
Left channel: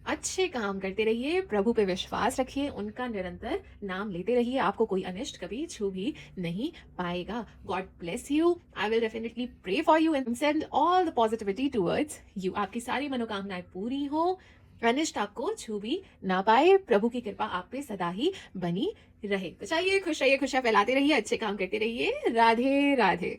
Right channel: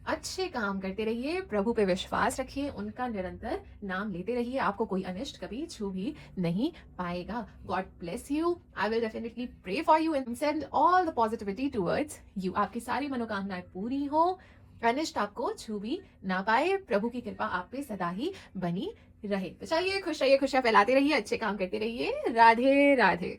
अच्छे काम करते रहिए, प्रभु पे विश्वास रखिए, उनका निरंतर नाम लेते रहिए, आपको कोई अनिष्ट कभी छू भी नहीं पाएगा। God bless you. I will definitely pray for you and send all the positivity towards you. आपकी सारी मनोकामनाएं पूरी हो, अनिष्ट आपको छू भी ना पाए, प्रभु की कृपा आप पे सदा ही बनी रहे। तो चाहिए खुश रहिए, खुशियां फैलाते रहिए, अच्छे काम करते रहिए। राधे राधे।